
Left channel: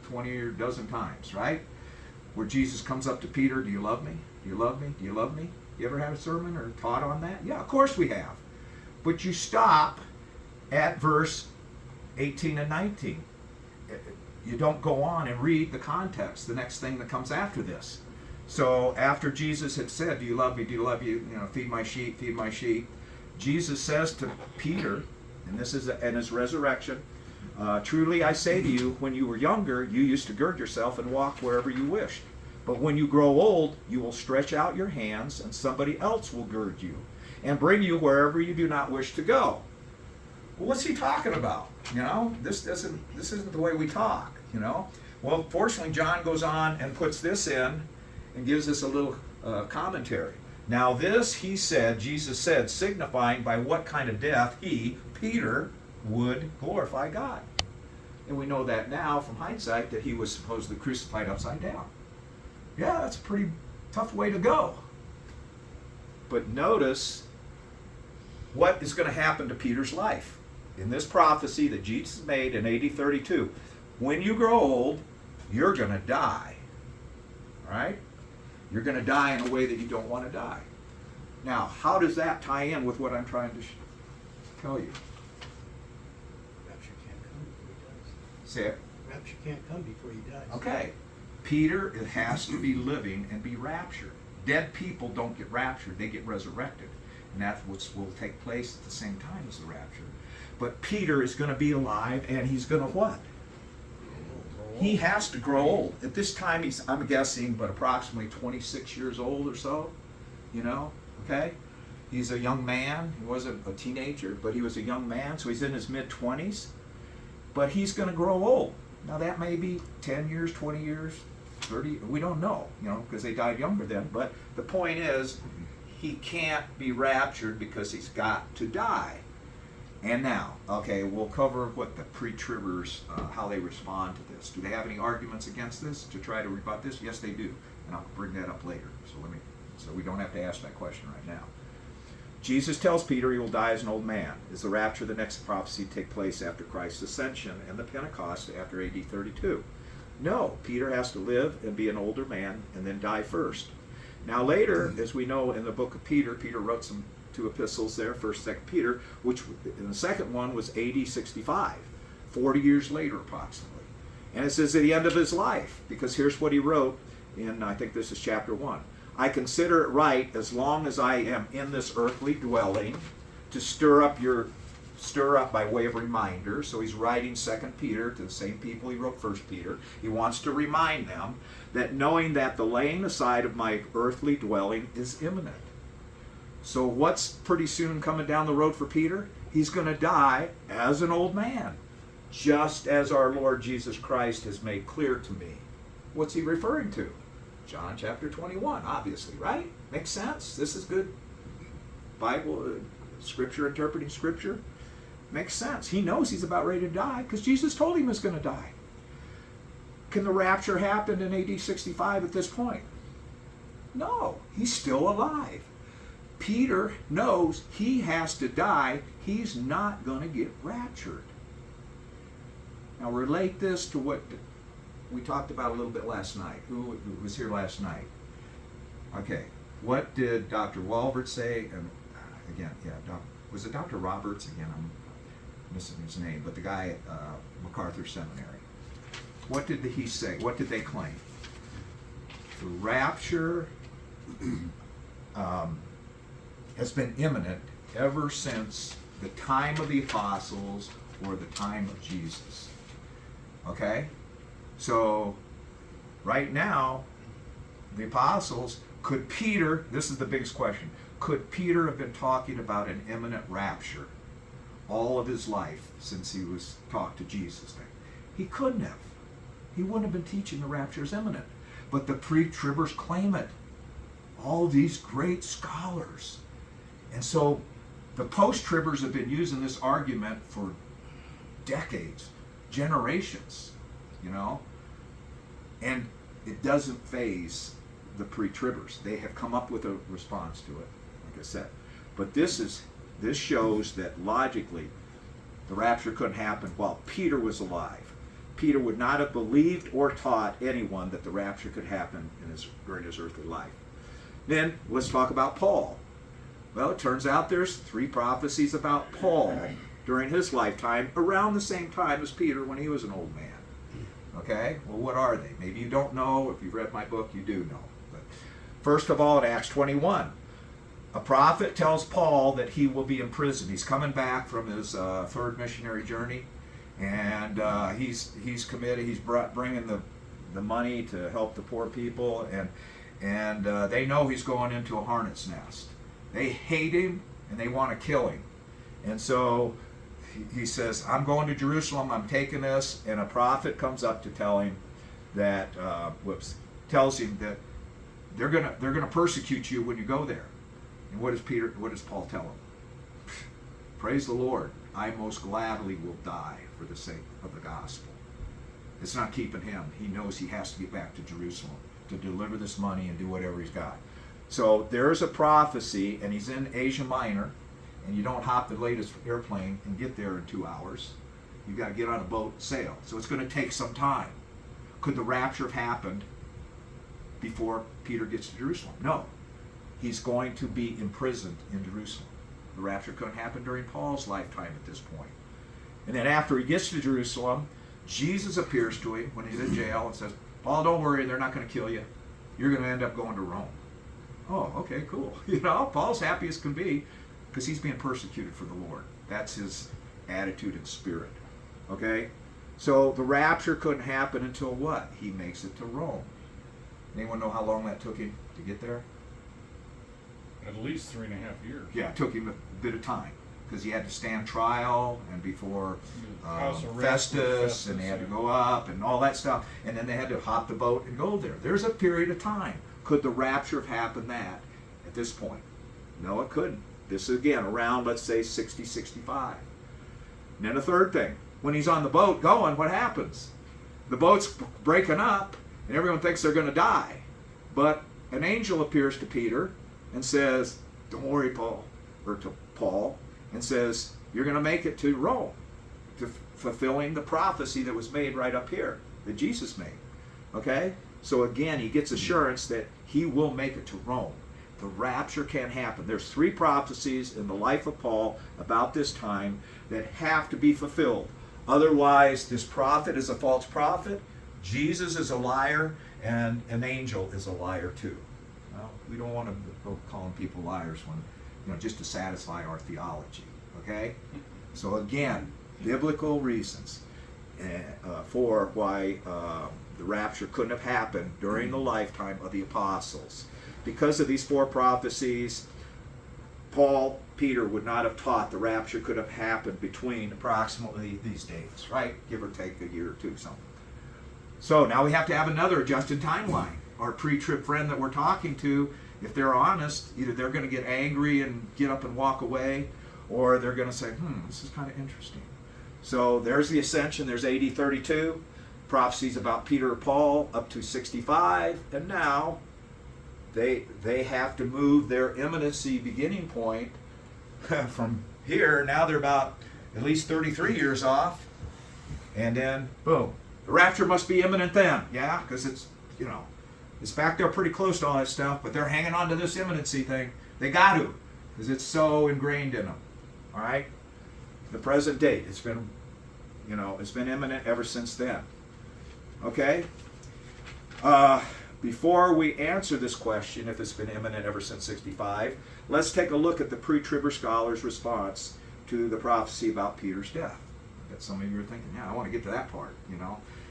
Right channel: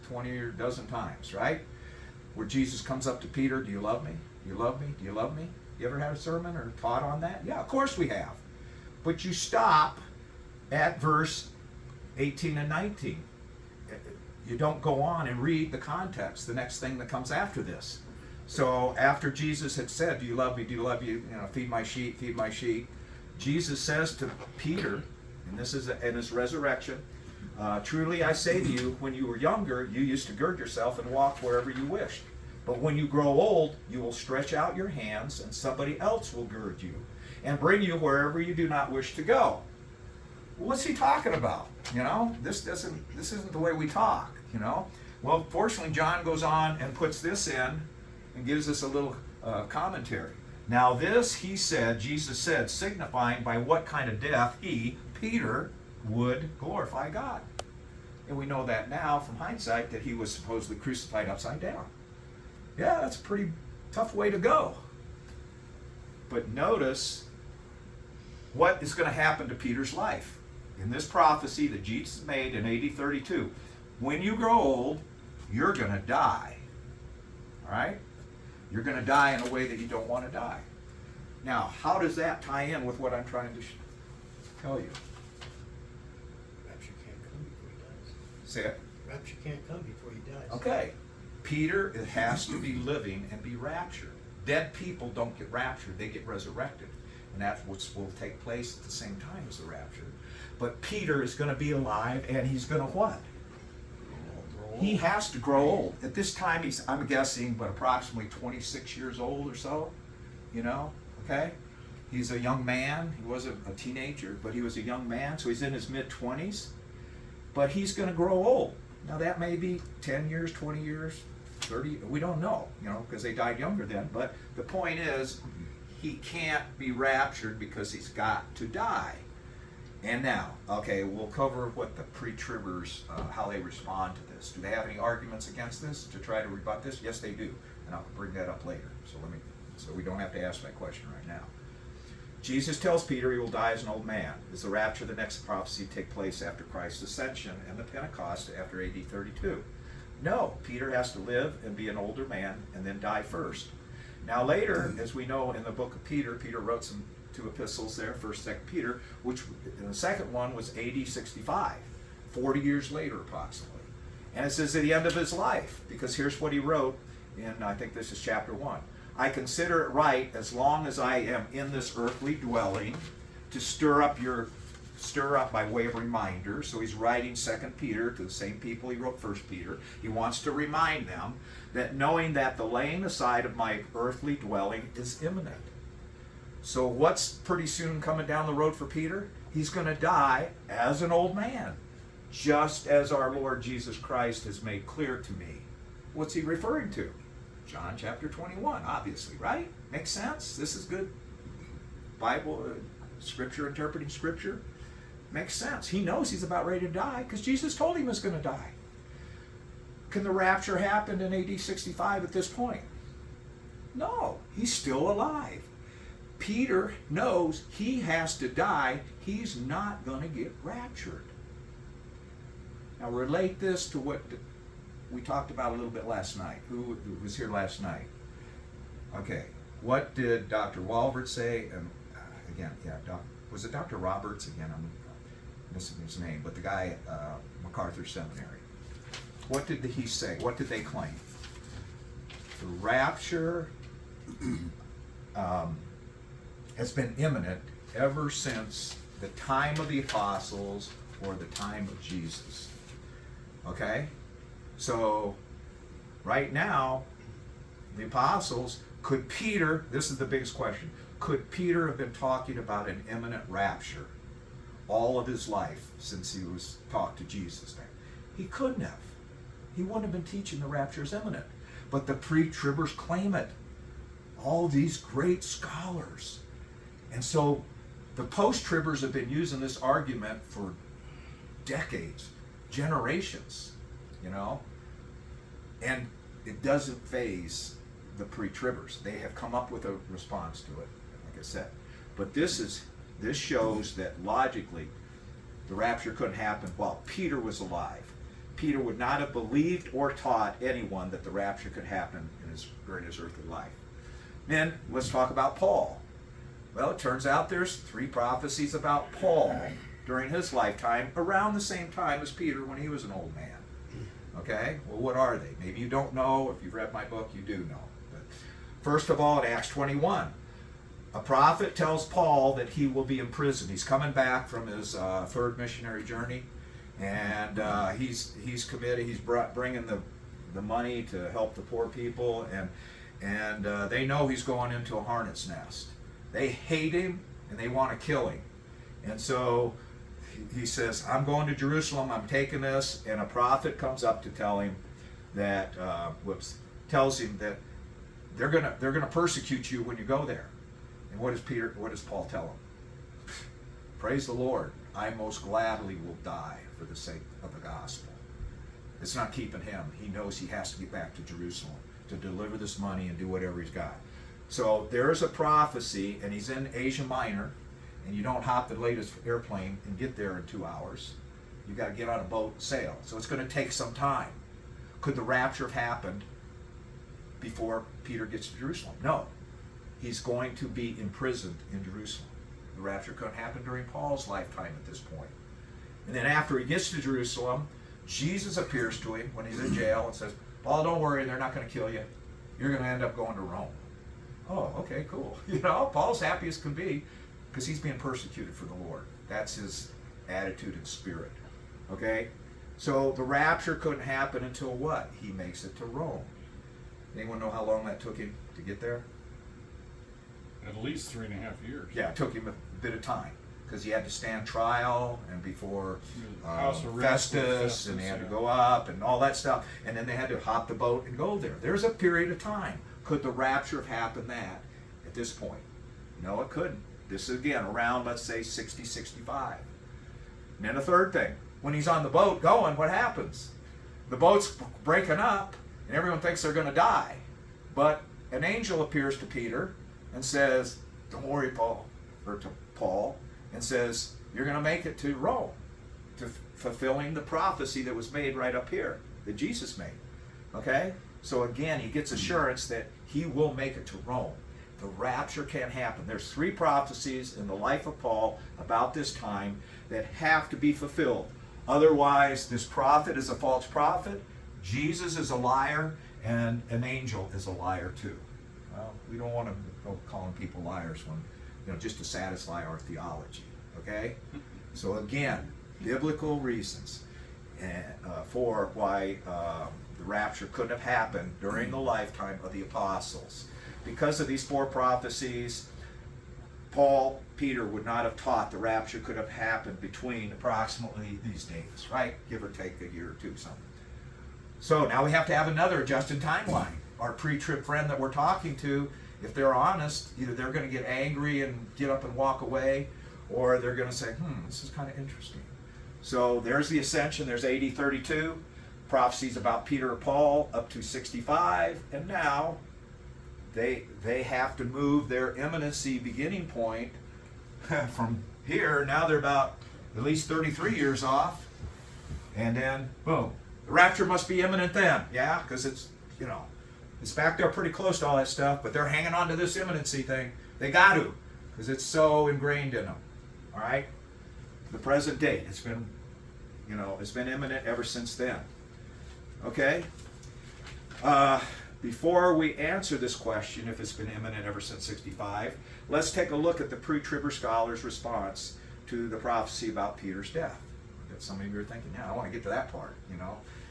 20 or a dozen times, right? Where Jesus comes up to Peter, do you love me? Do you love me? Do you love me? You ever had a sermon or taught on that? Yeah, of course we have. But you stop at verse 18 and 19. You don't go on and read the context, the next thing that comes after this. So after Jesus had said, do you love me? Do you love you? Feed my sheep, feed my sheep. Jesus says to Peter, and this is in his resurrection, Truly I say to you, when you were younger, you used to gird yourself and walk wherever you wished. But when you grow old, you will stretch out your hands, and somebody else will gird you and bring you wherever you do not wish to go. Well, what's he talking about? You know, this isn't the way we talk, you know. Well, fortunately, John goes on and puts this in and gives us a little commentary. Now this, he said, Jesus said, signifying by what kind of death he, Peter, would glorify God. And we know that now from hindsight that he was supposedly crucified upside down. Yeah, that's a pretty tough way to go. But notice what is going to happen to Peter's life. In this prophecy that Jesus made in AD 32, when you grow old, you're going to die. All right? You're going to die in a way that you don't want to die. Now, how does that tie in with what I'm trying to tell you? Rapture can't come before he dies. Say it. Rapture can't come before he dies. Okay. Peter has to be living and be raptured. Dead people don't get raptured, they get resurrected. And that's what will take place at the same time as the rapture. But Peter is going to be alive, and he's going to what? He has to grow old. At this time, he's, I'm guessing, but approximately 26 years old or so, you know, okay? He's a young man. He wasn't a teenager, but he was a young man, so he's in his mid-20s. But he's going to grow old. Now, that may be 10 years, 20 years, 30, we don't know, you know, because they died younger then. But the point is, he can't be raptured because he's got to die. And now, okay, we'll cover what the pre-tribbers, how they respond to this. Do they have any arguments against this to try to rebut this? Yes, they do, and I'll bring that up later. So we don't have to ask that question right now. Jesus tells Peter he will die as an old man. Is the rapture the next prophecy to take place after Christ's ascension and the Pentecost after AD 32? No, Peter has to live and be an older man and then die first. Now later, as we know in the book of Peter, Peter wrote some two epistles there, 1st, 2nd Peter, which in the second one was AD 65, 40 years later approximately. And it says at the end of his life, because here's what he wrote in, I think this is chapter 1. I consider it right, as long as I am in this earthly dwelling, to stir up by way of reminder. So he's writing 2nd Peter to the same people he wrote 1st Peter. He wants to remind them that knowing that the laying aside of my earthly dwelling is imminent. So what's pretty soon coming down the road for Peter? He's going to die as an old man, just as our Lord Jesus Christ has made clear to me. What's he referring to? John chapter 21, obviously, right? Makes sense? This is good Bible, scripture, interpreting scripture. Makes sense. He knows he's about ready to die because Jesus told him he was going to die. Can the rapture happen in AD 65 at this point? No, he's still alive. Peter knows he has to die. He's not going to get raptured. Now relate this to what we talked about a little bit last night. Who was here last night? Okay. What did Dr. Walbert say? And again, was it Dr. Roberts? Again, I'm missing his name, but the guy at MacArthur Seminary. What did he say? What did they claim? The rapture has been imminent ever since the time of the apostles or the time of Jesus. Okay? So, right now, the apostles, could Peter, this is the biggest question, could Peter have been talking about an imminent rapture all of his life since he was talked to Jesus there? He couldn't have. He wouldn't have been teaching the rapture is imminent. But the pre-tribbers claim it. All these great scholars. And so the post-tribbers have been using this argument for decades, generations, you know, and it doesn't faze the pre-tribbers. They have come up with a response to it, like I said. But this shows that logically the rapture couldn't happen while Peter was alive. Peter would not have believed or taught anyone that the rapture could happen during his earthly life. Then let's talk about Paul. Well, it turns out there's 3 prophecies about Paul during his lifetime around the same time as Peter when he was an old man. Okay? Well, what are they? Maybe you don't know. If you've read my book, you do know. But first of all, in Acts 21, a prophet tells Paul that he will be in prison. He's coming back from his 3rd missionary journey, and he's committed. He's bringing the money to help the poor people, and they know he's going into a hornet's nest. They hate him and they want to kill him, and so he says, "I'm going to Jerusalem. I'm taking this." And a prophet comes up to tell him that tells him that they're gonna persecute you when you go there. And what does Paul tell him? Praise the Lord, I most gladly will die for the sake of the gospel. It's not keeping him. He knows he has to get back to Jerusalem to deliver this money and do whatever he's got. So there's a prophecy, and he's in Asia Minor, and you don't hop the latest airplane and get there in 2 hours. You got to get on a boat and sail. So it's going to take some time. Could the rapture have happened before Peter gets to Jerusalem? No. He's going to be imprisoned in Jerusalem. The rapture couldn't happen during Paul's lifetime at this point. And then after he gets to Jerusalem, Jesus appears to him when he's in jail and says, "Paul, don't worry, they're not going to kill you. You're going to end up going to Rome." Oh, okay, cool. Paul's happy as can be because he's being persecuted for the Lord. That's his attitude and spirit. Okay? So the rapture couldn't happen until what? He makes it to Rome. Anyone know how long that took him to get there? At least 3.5 years. Yeah, it took him a bit of time because he had to stand trial and before House arrest Festus, and they had to go up and all that stuff, and then they had to hop the boat and go there. There's a period of time. Could the rapture have happened at this point? No, it couldn't. This is again around, let's say, 60, 65. And then a third thing, when he's on the boat going, what happens? The boat's breaking up and everyone thinks they're going to die. But an angel appears to Peter and says, "Don't worry, Paul," or to Paul, and says, "You're going to make it to Rome," to fulfilling the prophecy that was made right up here, that Jesus made. Okay? So again, he gets assurance that he will make it to Rome. The rapture can't happen. There's 3 prophecies in the life of Paul about this time that have to be fulfilled. Otherwise, this prophet is a false prophet, Jesus is a liar, and an angel is a liar too. Well, we don't want to go calling people liars when, just to satisfy our theology. Okay? So again, biblical reasons for why the rapture couldn't have happened during the lifetime of the apostles. Because of these 4 prophecies, Peter would not have taught the rapture could have happened between approximately these dates, right? Give or take a year or two, something. So now we have to have another adjusted timeline. Our pre-trib friend that we're talking to, if they're honest, either they're going to get angry and get up and walk away, or they're going to say, this is kind of interesting. So there's the ascension, there's AD 32, prophecies about Peter and Paul up to 65, and now they have to move their imminency beginning point from here. Now they're about at least 33 years off, and then boom, the rapture must be imminent then. Yeah, because it's back there pretty close to all that stuff, but they're hanging on to this imminency thing. They got to, because it's so ingrained in them. All right, the present date, it's been imminent ever since then. Okay. Before we answer this question, if it's been imminent ever since 65, let's take a look at the pre-tribber scholars' response to the prophecy about Peter's death. That some of you are thinking, I want to get to that part.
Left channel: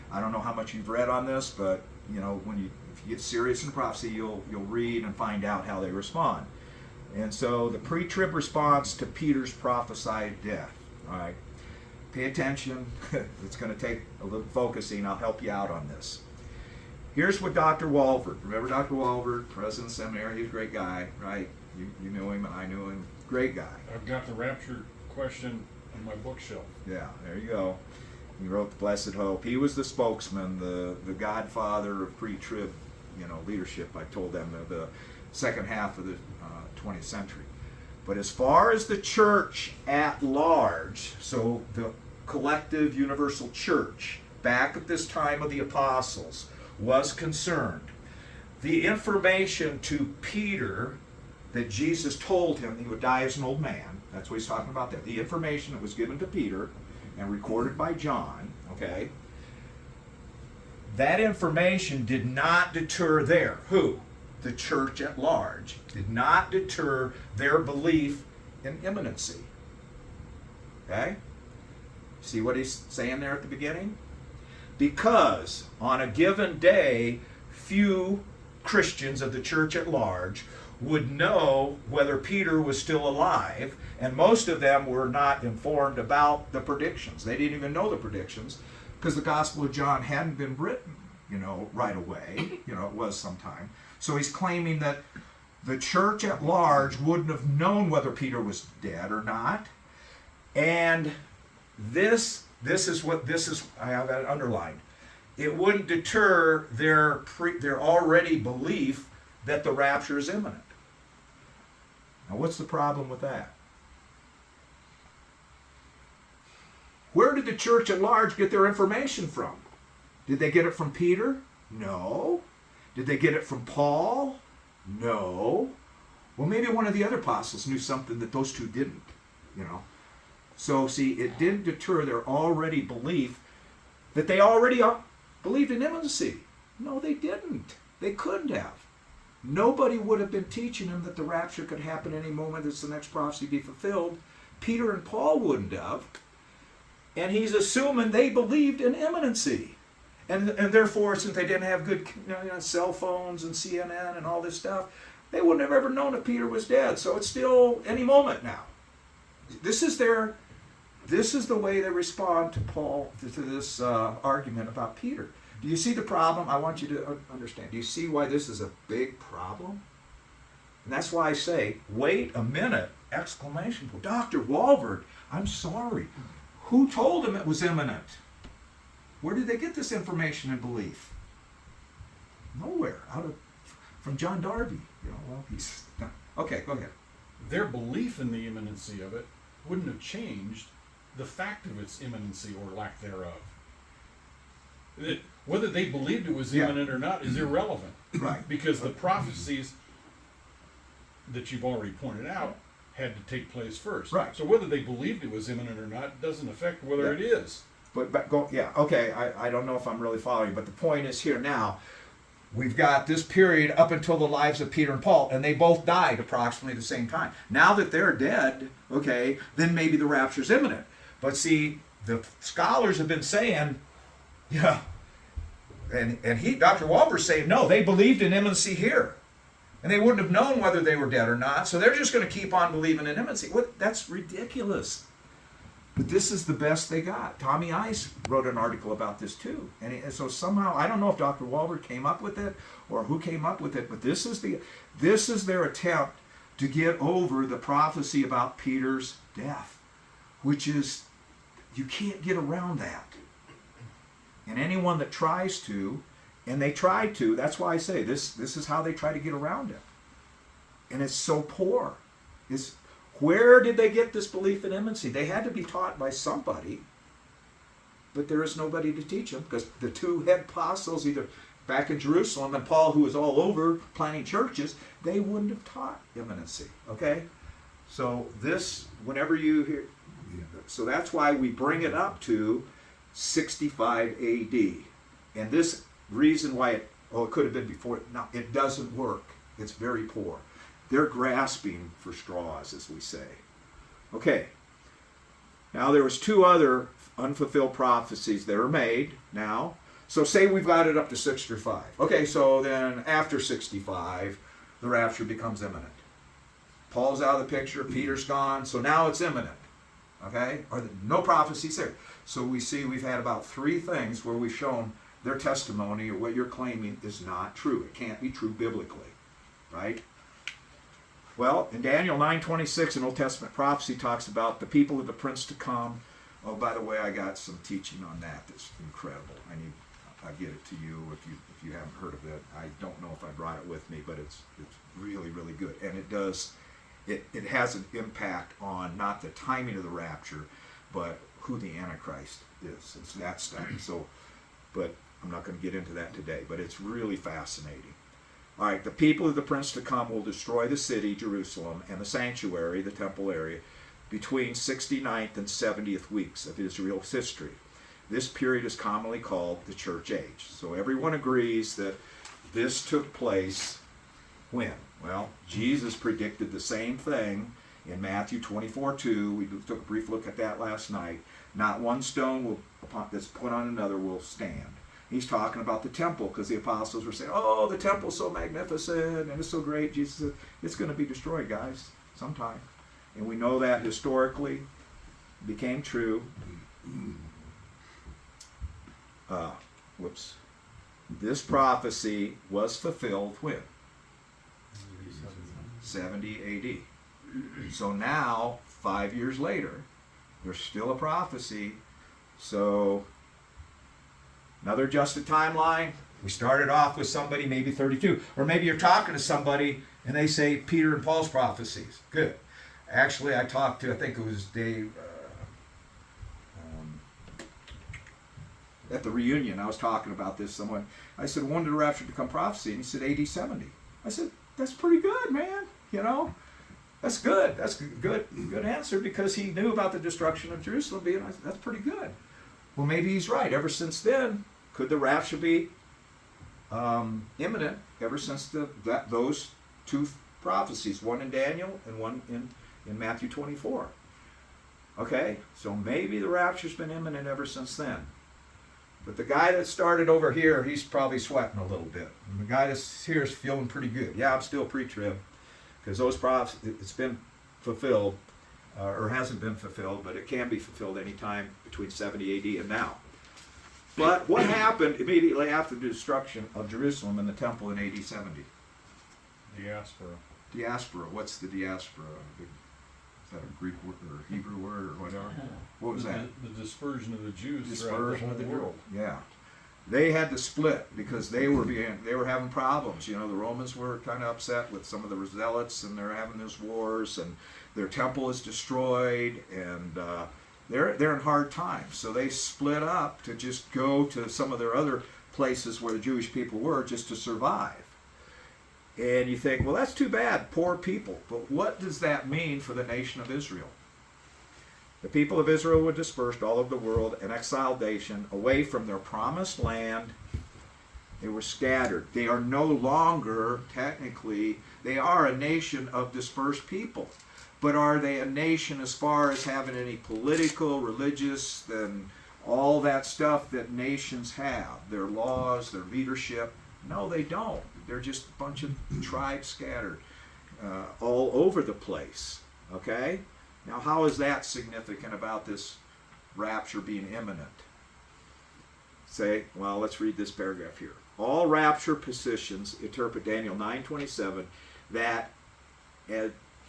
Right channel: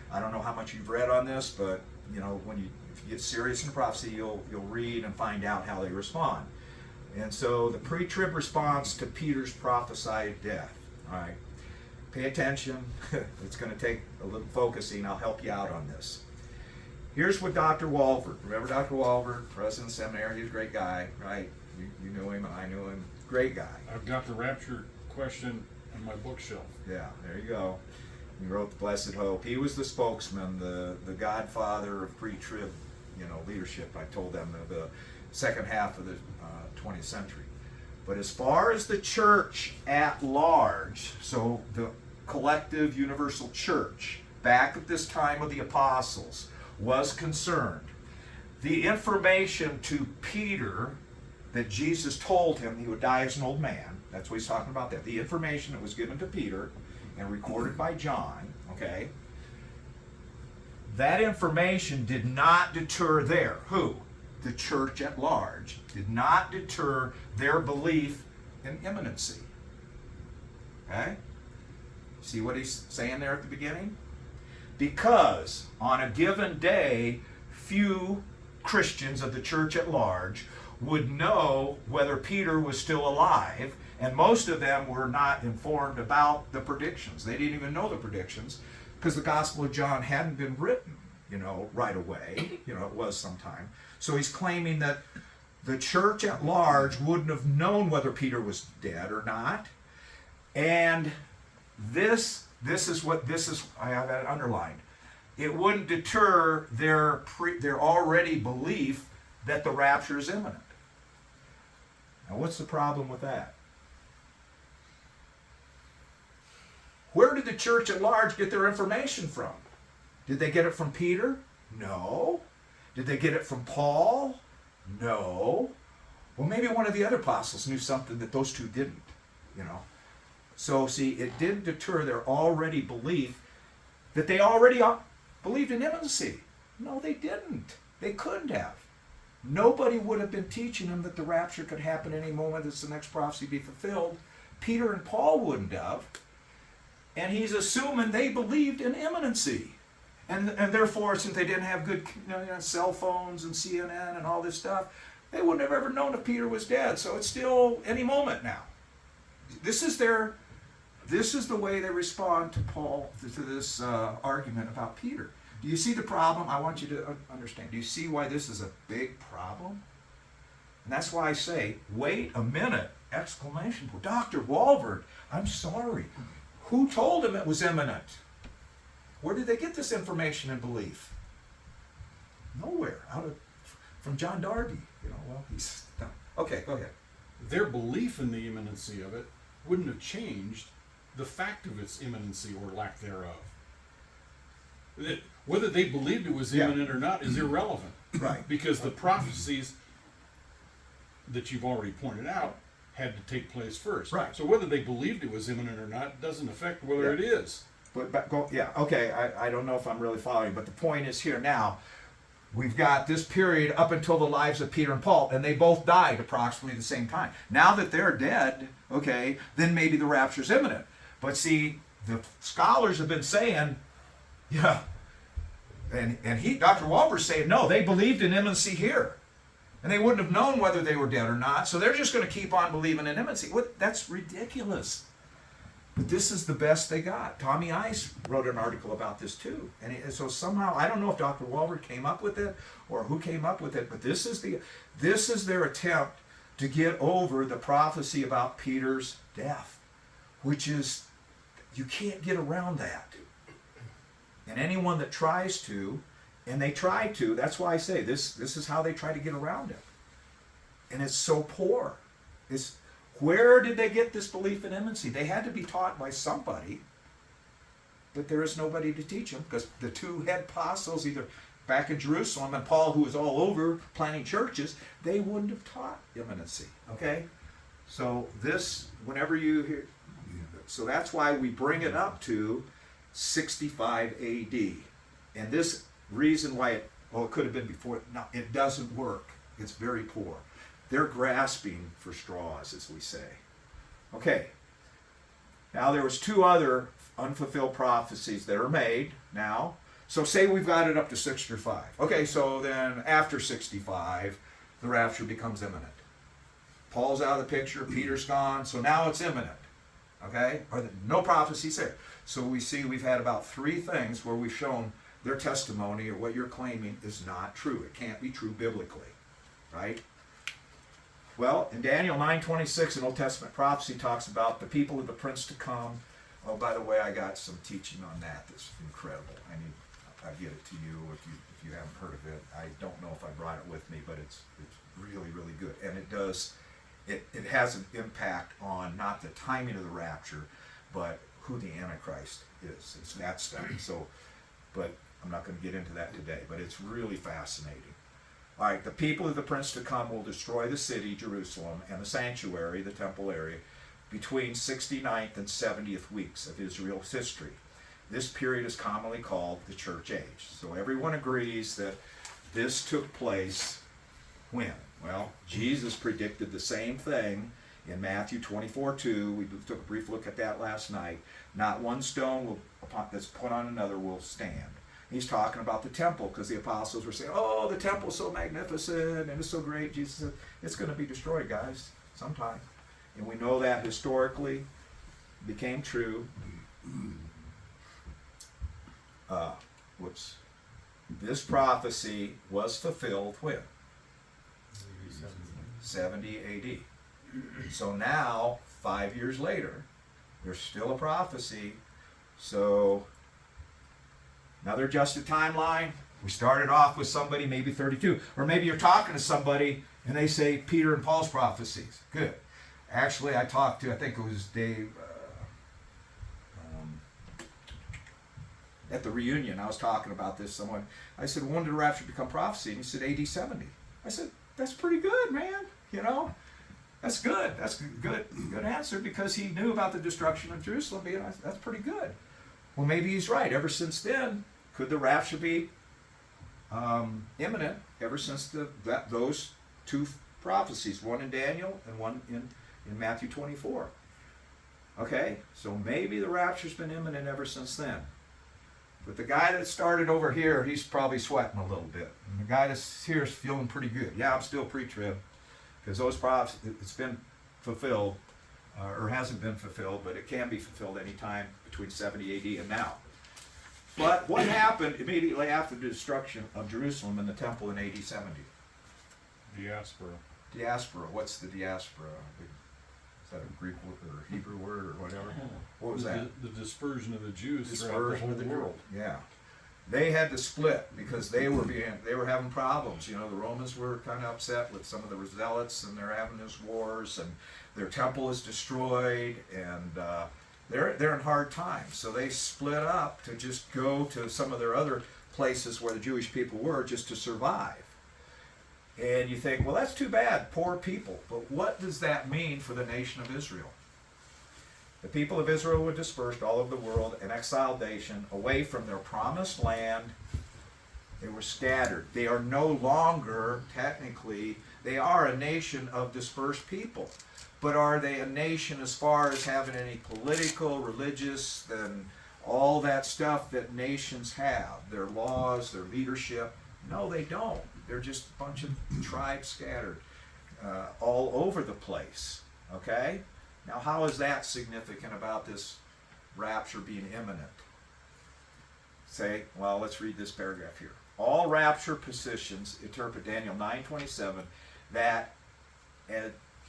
I don't know how much you've read on this, but if you get serious in the prophecy, you'll read and find out how they respond. And so the pre-trib response to Peter's prophesied death. All right, pay attention. It's going to take a little focusing. I'll help you out on this. Here's what Dr. Walford, remember Dr. Walford, president of the seminary, he's a great guy, right? You knew him and I knew him. Great guy. I've got the rapture question on my bookshelf. Yeah, there you go. He wrote The Blessed Hope. He was the spokesman, the godfather of pre-trib, leadership. I told them the second half of the 20th century. But as far as the church at large, so the collective universal church back at this time of the apostles was concerned, the information to Peter that Jesus told him he would die as an old man, that's what he's talking about there. The information that was given to Peter and recorded by John, okay, that information did not deter the church at large, did not deter their belief in imminency. Okay? See what he's saying there at the beginning? Because on a given day, few Christians of the church at large would know whether Peter was still alive, and most of them were not informed about the predictions. They didn't even know the predictions because the Gospel of John hadn't been written, right away. It was sometime. So he's claiming that the church at large wouldn't have known whether Peter was dead or not. And this is I have that underlined. It wouldn't deter their already belief that the rapture is imminent. Now, what's the problem with that? Where did the church at large get their information from? Did they get it from Peter? No. Did they get it from Paul? No. Well, maybe one of the other apostles knew something that those two didn't, So, see, it didn't deter their already belief that they already believed in imminency. No, they didn't. They couldn't have. Nobody would have been teaching them that the rapture could happen any moment as the next prophecy be fulfilled. Peter and Paul wouldn't have. And he's assuming they believed in imminency. And therefore, since they didn't have good cell phones and CNN and all this stuff, they wouldn't have ever known if Peter was dead. So it's still any moment now. This is the way they respond to Paul, to this argument about Peter. Do you see the problem? I want you to understand. Do you see why this is a big problem? And that's why I say, wait a minute, exclamation point. Dr. Walberg, I'm sorry. Who told him it was imminent? Where did they get this information and belief? Nowhere. From John Darby. Okay, go ahead. Their belief in the imminency of it wouldn't have changed the fact of its imminency or lack thereof. Whether they believed it was imminent or not is irrelevant. Right. Because the prophecies that you've already pointed out had to take place first. Right. So whether they believed it was imminent or not doesn't affect whether it is. Okay, I don't know if I'm really following, but the point is here now, we've got this period up until the lives of Peter and Paul, and they both died approximately the same time. Now that they're dead, okay, then maybe the rapture's imminent. But see, the scholars have been saying, and Dr. Walber's saying, no, they believed in imminency here. And they wouldn't have known whether they were dead or not, so they're just going to keep on believing in imminency. That's ridiculous. But this is the best they got. Tommy Ice wrote an article about this too. And so somehow, I don't know if Dr. Walberg came up with it or who came up with it, but this is their attempt to get over the prophecy about Peter's death, which is, you can't get around that. And anyone that tries to, and they try to, that's why I say this is how they try to get around it. And it's so poor. Where did they get this belief in imminency? They had to be taught by somebody, but there is nobody to teach them because the two head apostles, either back in Jerusalem and Paul, who was all over planting churches, they wouldn't have taught imminency. Okay? So whenever you hear, so that's why we bring it up to 65 AD. And this reason why it could have been before, no, it doesn't work. It's very poor. They're grasping for straws, as we say. Okay. Now there was two other unfulfilled prophecies that are made now. So say we've got it up to 65. Okay, so then after 65, the rapture becomes imminent. Paul's out of the picture, Peter's gone, so now it's imminent. Okay? No prophecies there. So we see we've had about three things where we've shown their testimony or what you're claiming is not true. It can't be true biblically. Right? Well, in Daniel 9:26, an Old Testament prophecy talks about the people of the prince to come. Oh, by the way, I got some teaching on that that's incredible. I'll get it to you if you haven't heard of it. I don't know if I brought it with me, but it's really, really good. And it has an impact on not the timing of the rapture, but who the Antichrist is. It's that stuff. But I'm not going to get into that today, but it's really fascinating. All right, the people of the prince to come will destroy the city, Jerusalem, and the sanctuary, the temple area, between 69th and 70th weeks of Israel's history. This period is commonly called the church age. So everyone agrees that this took place when? Well, Jesus predicted the same thing In Matthew 24:2, we took a brief look at that last night. Not one stone that's put on another will stand. He's talking about the temple because the apostles were saying, oh, the temple's so magnificent and it's so great. Jesus said, it's going to be destroyed, guys, sometime. And we know that historically became true. This prophecy was fulfilled when? 70 AD. So now, 5 years later, there's still a prophecy. So another adjusted timeline. We started off with somebody maybe 32. Or maybe you're talking to somebody and they say Peter and Paul's prophecies. Good. Actually, I talked to, I think it was Dave, at the reunion, I was talking about this. I said, when did the rapture become prophecy? And he said, AD 70. I said, that's pretty good, man. You know, that's good. That's good answer because he knew about the destruction of Jerusalem being, that's pretty good. Well, maybe he's right. Ever since then, could the rapture be imminent ever since those two prophecies, one in Daniel and one in Matthew 24? Okay, so maybe the rapture's been imminent ever since then. But the guy that started over here, he's probably sweating a little bit. And the guy that's here is feeling pretty good. Yeah, I'm still pre-trib because those prophecies, it's been fulfilled, or hasn't been fulfilled, but it can be fulfilled anytime between 70 AD and now. But what happened immediately after the destruction of Jerusalem and the temple in AD 70? Diaspora. Diaspora. What's the diaspora? Is that a Greek word or a Hebrew word or whatever? What was that? The dispersion of the Jews throughout the whole world. Yeah. They had to split because they were having problems. You know, the Romans were kind of upset with some of the zealots, and they're having these wars, and their temple is destroyed, and they're in hard times. So they split up to just go to some of their other places where the Jewish people were just to survive. And you think, well, that's too bad, poor people. But what does that mean for the nation of Israel? The people of Israel were dispersed all over the world, an exiled nation, away from their promised land. They were scattered. They are no longer, technically, they are a nation of dispersed people. But are they a nation as far as having any political, religious, and all that stuff that nations have? Their laws, their leadership? No, they don't. They're just a bunch of tribes scattered all over the place. Okay? Now, how is that significant about this rapture being imminent? Say, well, let's read this paragraph here. All rapture positions interpret Daniel 9:27 that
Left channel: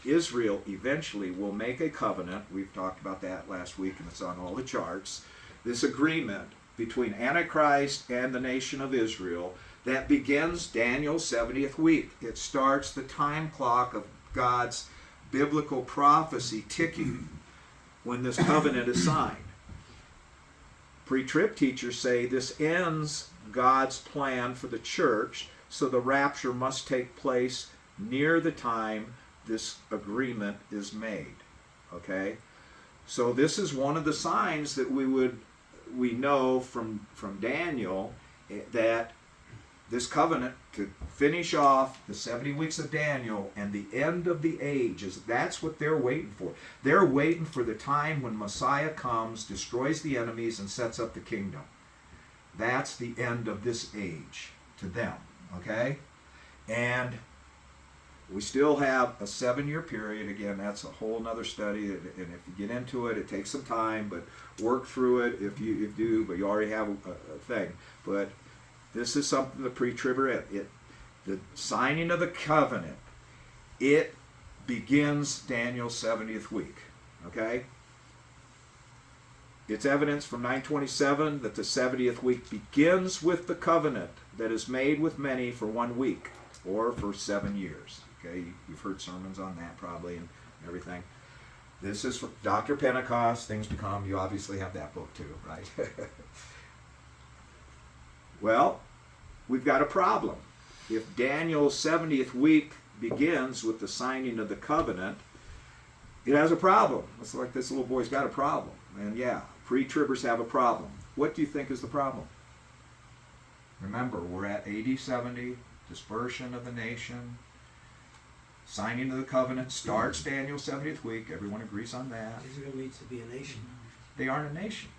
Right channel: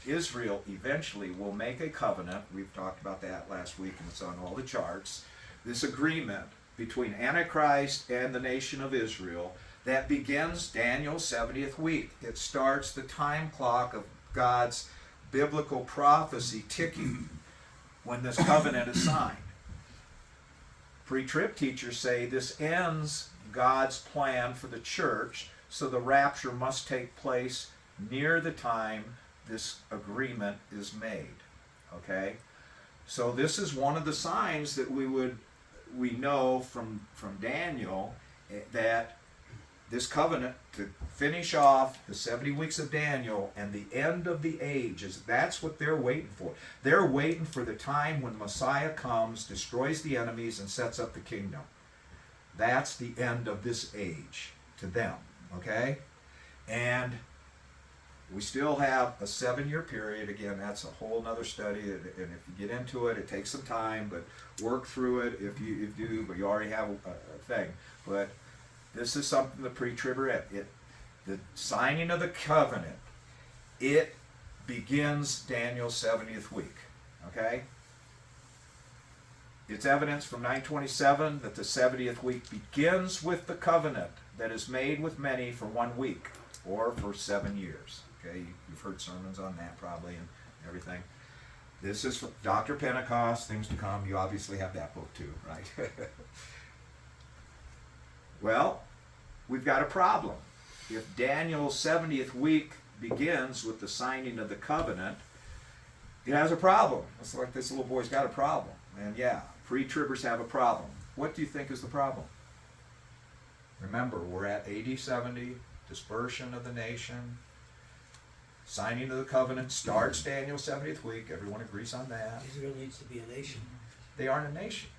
Israel eventually will make a covenant. We've talked about that last week, and it's on all the charts. This agreement between Antichrist and the nation of Israel that begins Daniel's 70th week. It starts the time clock of God's biblical prophecy ticking when this covenant is signed. Pre-trib teachers say this ends God's plan for the church, so the rapture must take place near the time this agreement is made. Okay? So this is one of the signs that we know from Daniel that this covenant to finish off the 70 weeks of Daniel and the end of the age, that's what they're waiting for. They're waiting for the time when Messiah comes, destroys the enemies, and sets up the kingdom. That's the end of this age to them, okay? And we still have a 7-year period. Again, that's a whole nother study, and if you get into it, it takes some time, but work through it if you do, but you already have a thing. But this is something the pre-tribber, the signing of the covenant, it begins Daniel's 70th week, okay? It's evidence from 927 that the 70th week begins with the covenant that is made with many for 1 week or for 7 years, okay? You've heard sermons on that probably and everything. This is for Dr. Pentecost, Things to Come. You obviously have that book too, right? Well, we've got a problem. If Daniel's 70th week begins with the signing of the covenant, it has a problem. It's like this little boy's got a problem. And yeah, pre-tribbers have a problem. What do you think is the problem? Remember, we're at AD 70, dispersion of the nation. Signing of the covenant starts Daniel's 70th week. Everyone agrees on that. Israel needs to be a nation. They aren't a nation.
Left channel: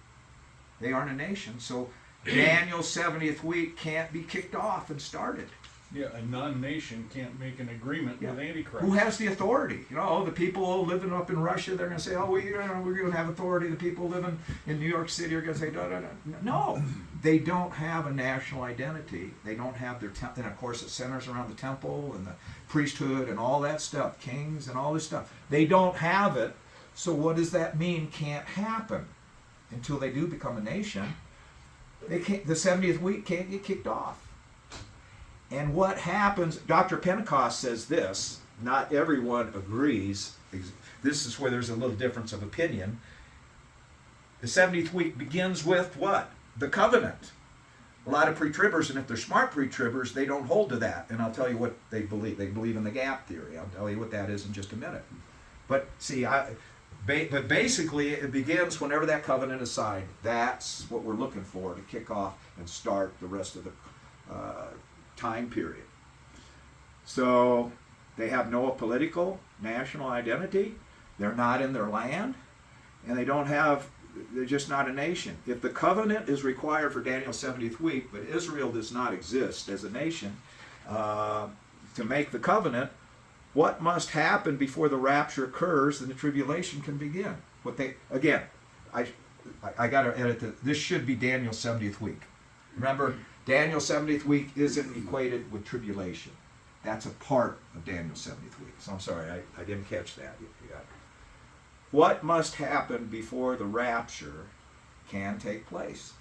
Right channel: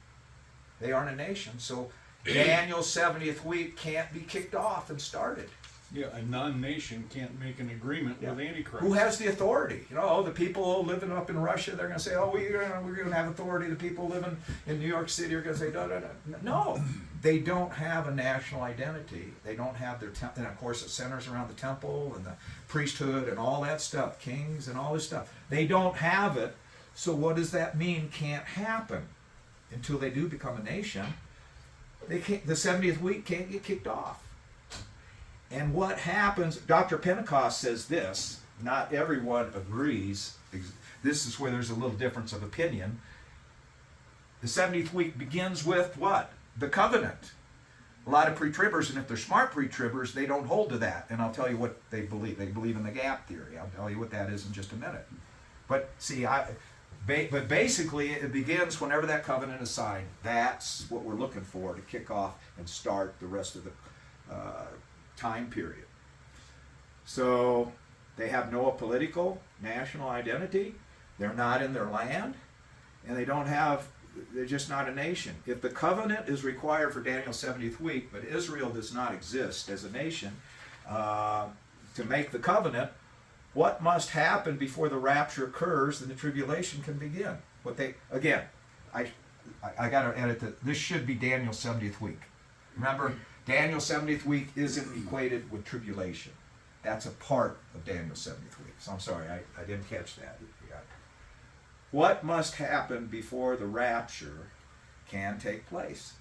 They aren't a nation. So Daniel's 70th week can't be kicked off and started. Yeah, a non-nation can't make an agreement with Antichrist. Who has the authority? You know, the people living up in Russia, they're going to say, oh, we're going to have authority. The people living in New York City are going to say, da, da, da. No, they don't have a national identity. They don't have their and of course it centers around the temple and the priesthood and all that stuff, kings and all this stuff. They don't have it. So what does that mean can't happen until they do become a nation? They can't, the 70th week can't get kicked off. And what happens, Dr. Pentecost says this, not everyone agrees. This is where there's a little difference of opinion. The 70th week begins with what? The covenant. A lot of pre-tribbers, and if they're smart pre-tribbers, they don't hold to that. And I'll tell you what they believe. They believe in the gap theory. I'll tell you what that is in just a minute. But see, but basically it begins whenever that covenant is signed. That's what we're looking for to kick off and start the rest of the time period. So they have no political national identity. They're not in their land, and they're just not a nation. If the covenant is required for Daniel's 70th week, but Israel does not exist as a nation to make the covenant, what must happen before the rapture occurs and the tribulation can begin? I got to edit this should be Daniel's 70th week. Remember, Daniel's 70th week isn't equated with tribulation. That's a part of Daniel's 70th week. So I'm sorry, I didn't catch that. Yeah. What must happen before the rapture can take place?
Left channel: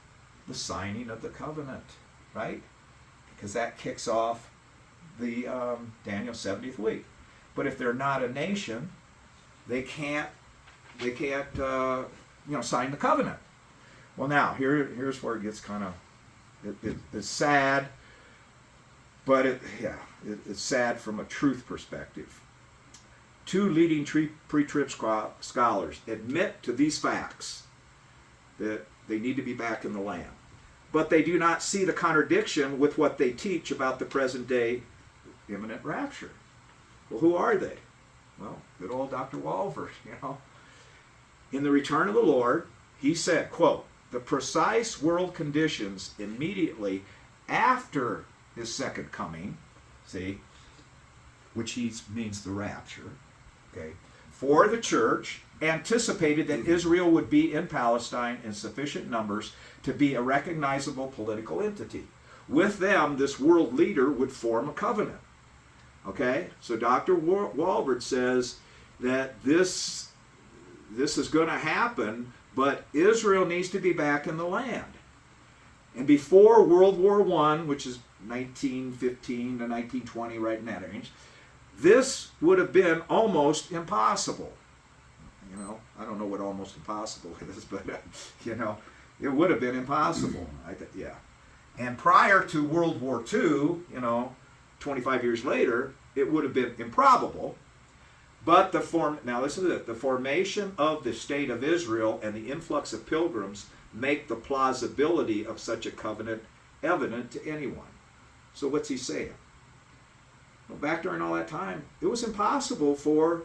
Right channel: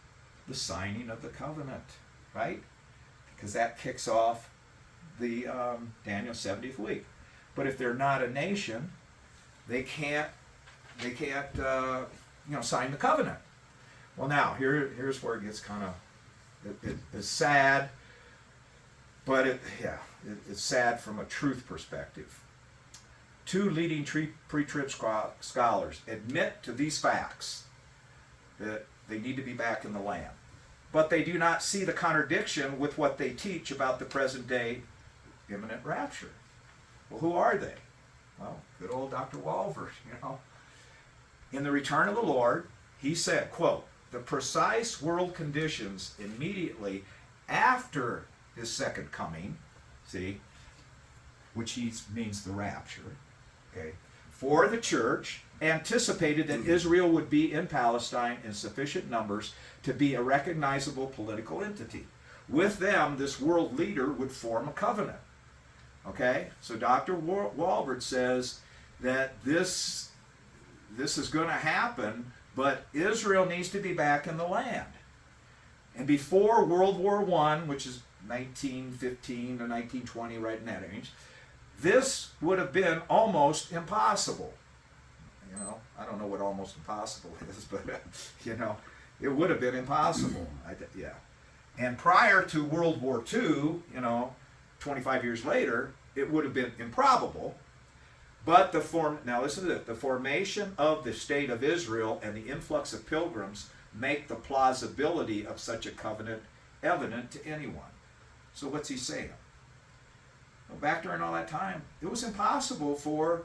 The signing of the covenant, right? Because that kicks off the Daniel 70th week. But if they're not a nation, they can't sign the covenant. Well, now here's where it gets kind of it's sad, but it's sad from a truth perspective. Two leading pre-trib scholars admit to these facts that they need to be back in the land, but they do not see the contradiction with what they teach about the present day imminent rapture. Well, who are they? Well, good old Dr. Walvoord, In The Return of the Lord, he said, quote, the precise world conditions immediately after his second coming, see, which means the rapture, okay, for the church, anticipated that Israel would be in Palestine in sufficient numbers to be a recognizable political entity. With them, this world leader would form a covenant. Okay, so Dr. Walvoord says that this is going to happen, but Israel needs to be back in the land. And before World War I, which is 1915 to 1920, right in that range, this would have been almost impossible. I don't know what almost impossible is, but it would have been impossible. And prior to World War II, 25 years later, it would have been improbable. But now listen to this, the formation of the state of Israel and the influx of pilgrims make the plausibility of such a covenant evident to anyone. So what's he saying? Well, back during all that time, it was impossible for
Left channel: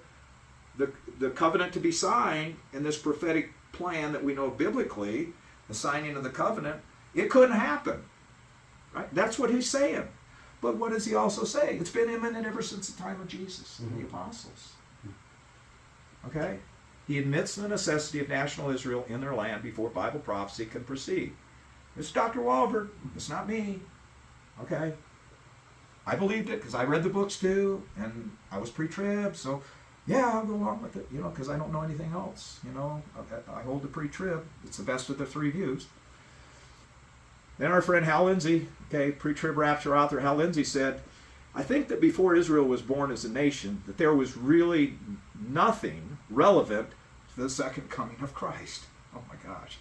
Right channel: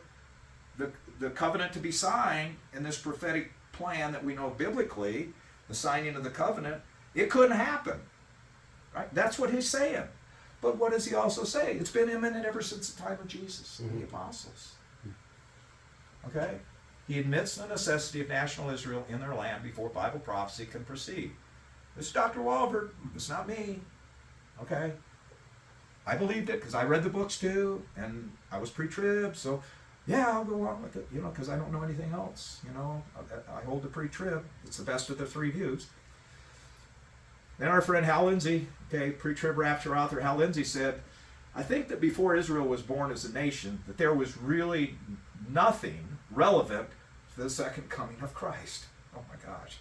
the covenant to be signed in this prophetic plan that we know biblically, the signing of the covenant. It couldn't happen. Right? That's what he's saying. But what does he also say? It's been imminent ever since the time of Jesus and the apostles. Okay? He admits the necessity of national Israel in their land before Bible prophecy can proceed. This is Dr. Walvoord. It's not me. Okay? I believed it because I read the books too, and I was pre-trib, so yeah, I'll go along with it, because I don't know anything else. I hold the pre-trib. It's the best of the three views. Then our friend Hal Lindsey, pre-trib rapture author Hal Lindsey said, I think that before Israel was born as a nation, that there was really nothing relevant to the second coming of Christ. Oh my gosh.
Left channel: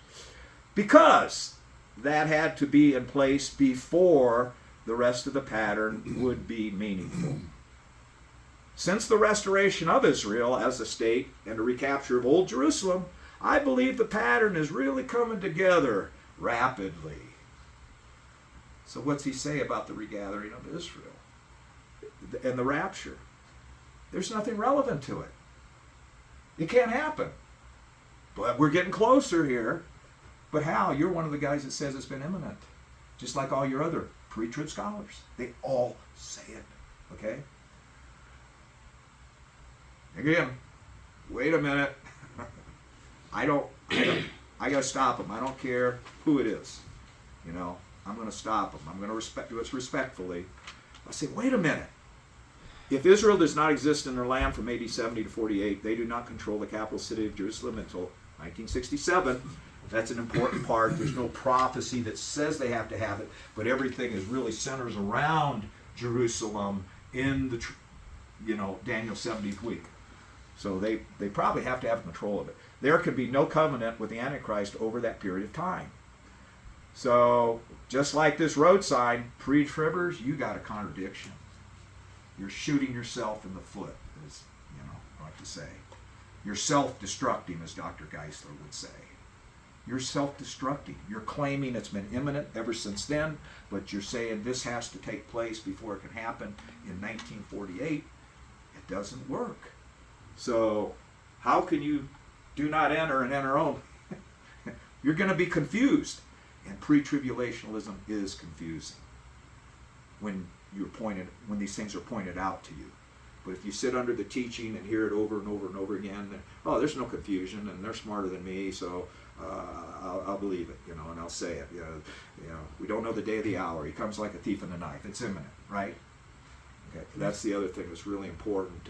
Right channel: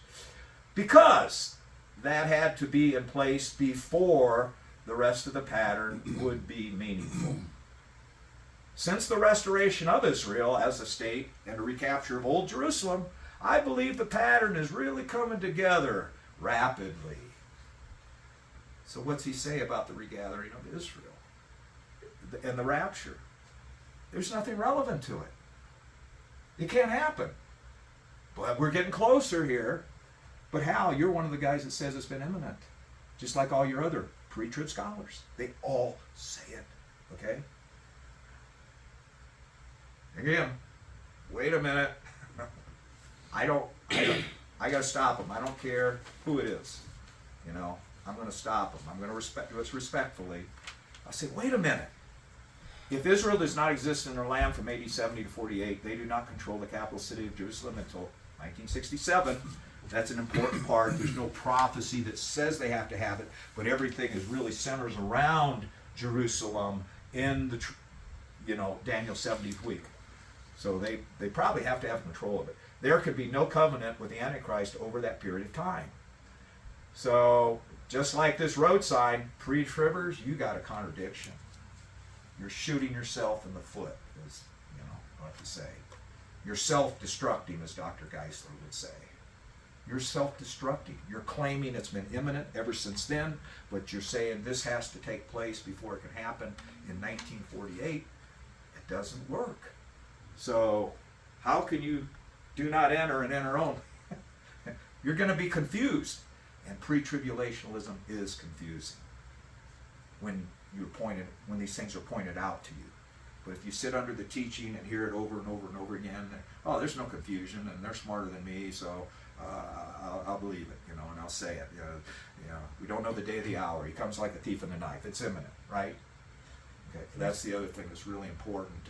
Because that had to be in place before the rest of the pattern would be meaningful. Since the restoration of Israel as a state and the recapture of Old Jerusalem, I believe the pattern is really coming together rapidly. So what's he say about the regathering of Israel and the rapture? there's nothing relevant to it. It can't happen. But we're getting closer here. But Hal, you're one of the guys that says it's been imminent. Just like all your other pre-trib scholars. They all say it. Okay? Again, wait a minute. I gotta stop them. I don't care who it is. You know, I'm gonna stop them. I'm gonna do it respectfully. I say, wait a minute. If Israel does not exist in their land from AD 70 to 48, they do not control the capital city of Jerusalem until 1967. That's an important part. There's no prophecy that says they have to have it, but everything is really centers around Jerusalem in the, Daniel 70th week. So they probably have to have control of it. There could be no covenant with the Antichrist over that period of time. So just like this road sign, pre-tribbers, you got a contradiction. You're shooting yourself in the foot, as I like to say. You're self-destructing, as Dr. Geisler would say. You're self-destructing. You're claiming it's been imminent ever since then, but you're saying this has to take place before it can happen in 1948. It doesn't work. So how can you do not enter and enter on? You're going to be confused. And pre-tribulationalism is confusing when these things are pointed out to you. But if you sit under the teaching and hear it over and over and over again, there's no confusion, and they're smarter than me, so I'll believe it, and I'll say it. We don't know the day or the hour. He comes like a thief in the night. It's imminent, right? Okay, that's the other thing that's really important.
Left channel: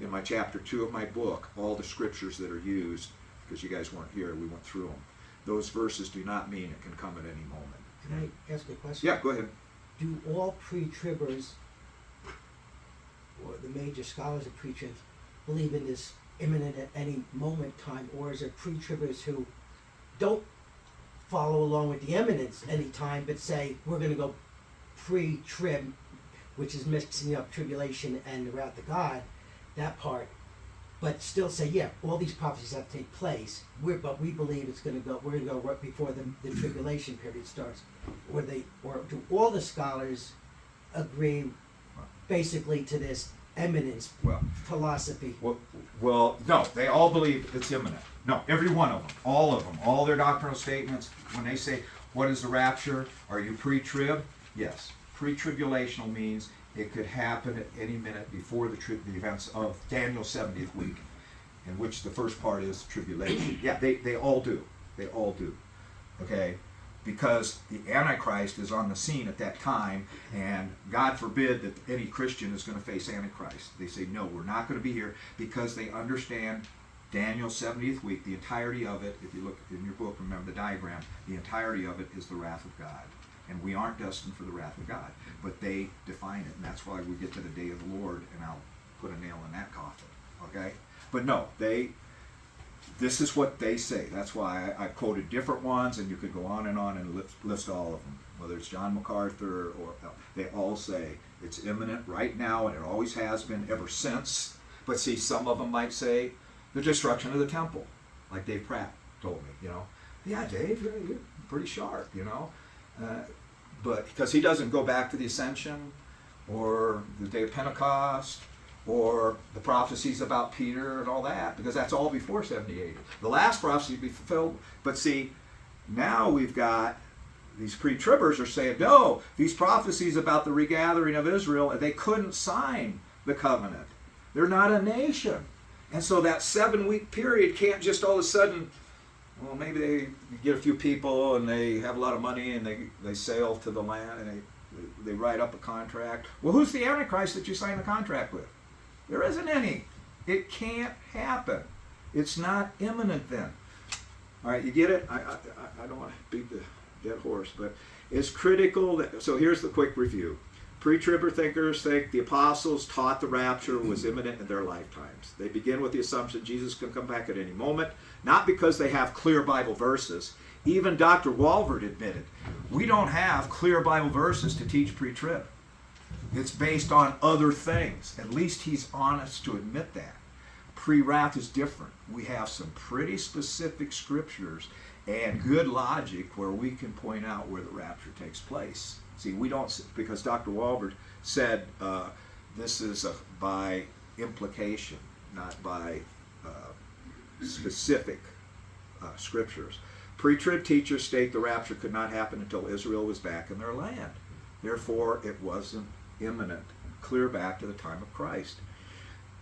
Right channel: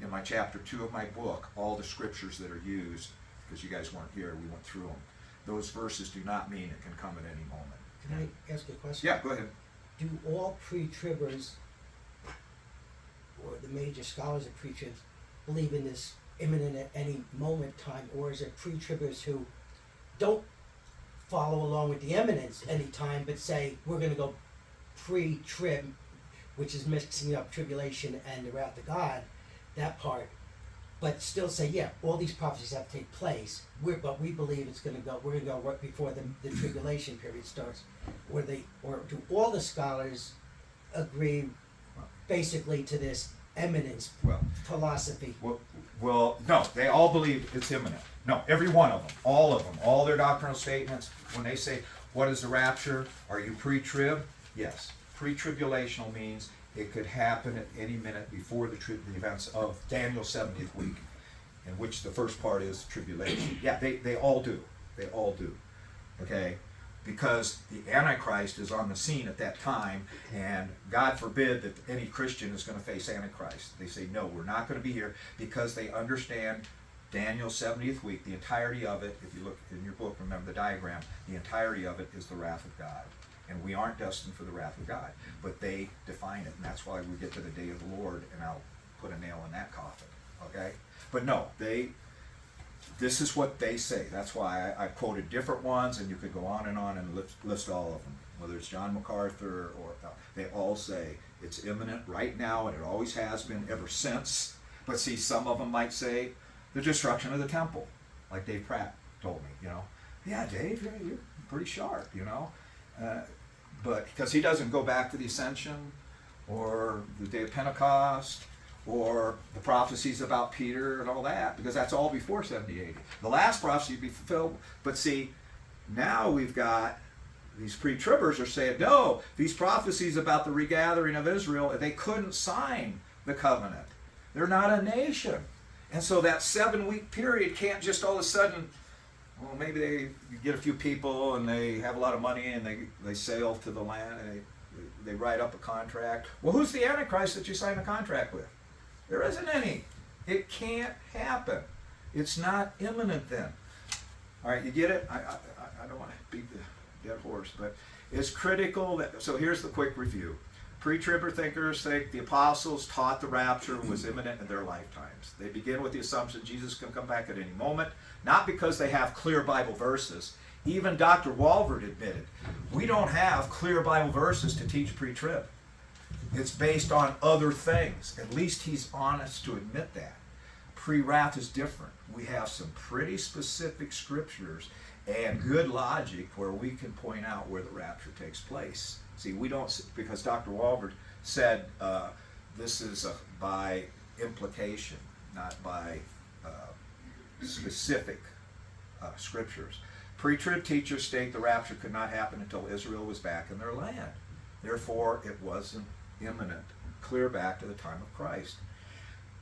In my chapter 2 of my book, all the scriptures that are used, because you guys weren't here, we went through them. Those verses do not mean it can come at any moment. Can I ask a question? Yeah, go ahead. Do all pre-tribbers, or the major scholars of pre-tribs, believe in this imminent at any moment time, or is it pre-tribbers who don't follow along with the imminence any time, but say we're going to go pre-trib, which is mixing up tribulation and the wrath of God, that part, but still say, yeah, all these prophecies have to take place. But we believe we're going to go right before the tribulation period starts. Or do all the scholars agree basically to this eminence philosophy? Well, no, they all believe it's imminent. No, every one of them, all their doctrinal statements, when they say, what is the rapture? Are you pre-trib? Yes. Pre-tribulational means it could happen at any minute before the events of Daniel 70th week, in which the first part is tribulation. Yeah, they all do. They all do. Okay? Because the Antichrist is on the scene at that time, and God forbid that any Christian is going to face Antichrist. They say, no, we're not going to be here, because they understand Daniel 70th week, the entirety of it. If you look in your book, remember the diagram, the entirety of it is the wrath of God. And we aren't destined for the wrath of God. But they define it, and that's why we get to the day of the Lord, and I'll put a nail in that coffin. Okay? But no, this is what they say. That's why I quoted different ones, and you could go on and list all of them. Whether it's John MacArthur or they all say it's imminent right now, and it always has been ever since. But see, some of them might say the destruction of the temple, like Dave Pratt told me. Yeah, Dave, you're pretty sharp. But because he doesn't go back to the ascension or the day of Pentecost or the prophecies about Peter and all that, because that's all before 70 AD. The last prophecy will be fulfilled. But see, now we've got these pre-tribbers are saying, no, these prophecies about the regathering of Israel, they couldn't sign the covenant. They're not a nation. And so that 7-week period can't just all of a sudden, well, maybe they get a few people and they have a lot of money and they sail to the land and they write up a contract. Well, who's the Antichrist that you sign a contract with? There isn't any. It can't happen. It's not imminent then. All right, you get it? I don't want to beat the dead horse, but it's critical that, so here's the quick review. Pre-tribber thinkers think the apostles taught the rapture was imminent in their lifetimes. They begin with the assumption Jesus can come back at any moment, not because they have clear Bible verses. Even Dr. Walvoord admitted, we don't have clear Bible verses to teach pre-trib. It's based on other things. At least he's honest to admit that. Pre-wrath is different. We have some pretty specific scriptures and good logic where we can point out where the rapture takes place. See, we don't, because Dr. Walvoord said this is by implication, not by specific scriptures. Pre-trib teachers state the rapture could not happen until Israel was back in their land. Therefore, it wasn't imminent, clear back to the time of Christ.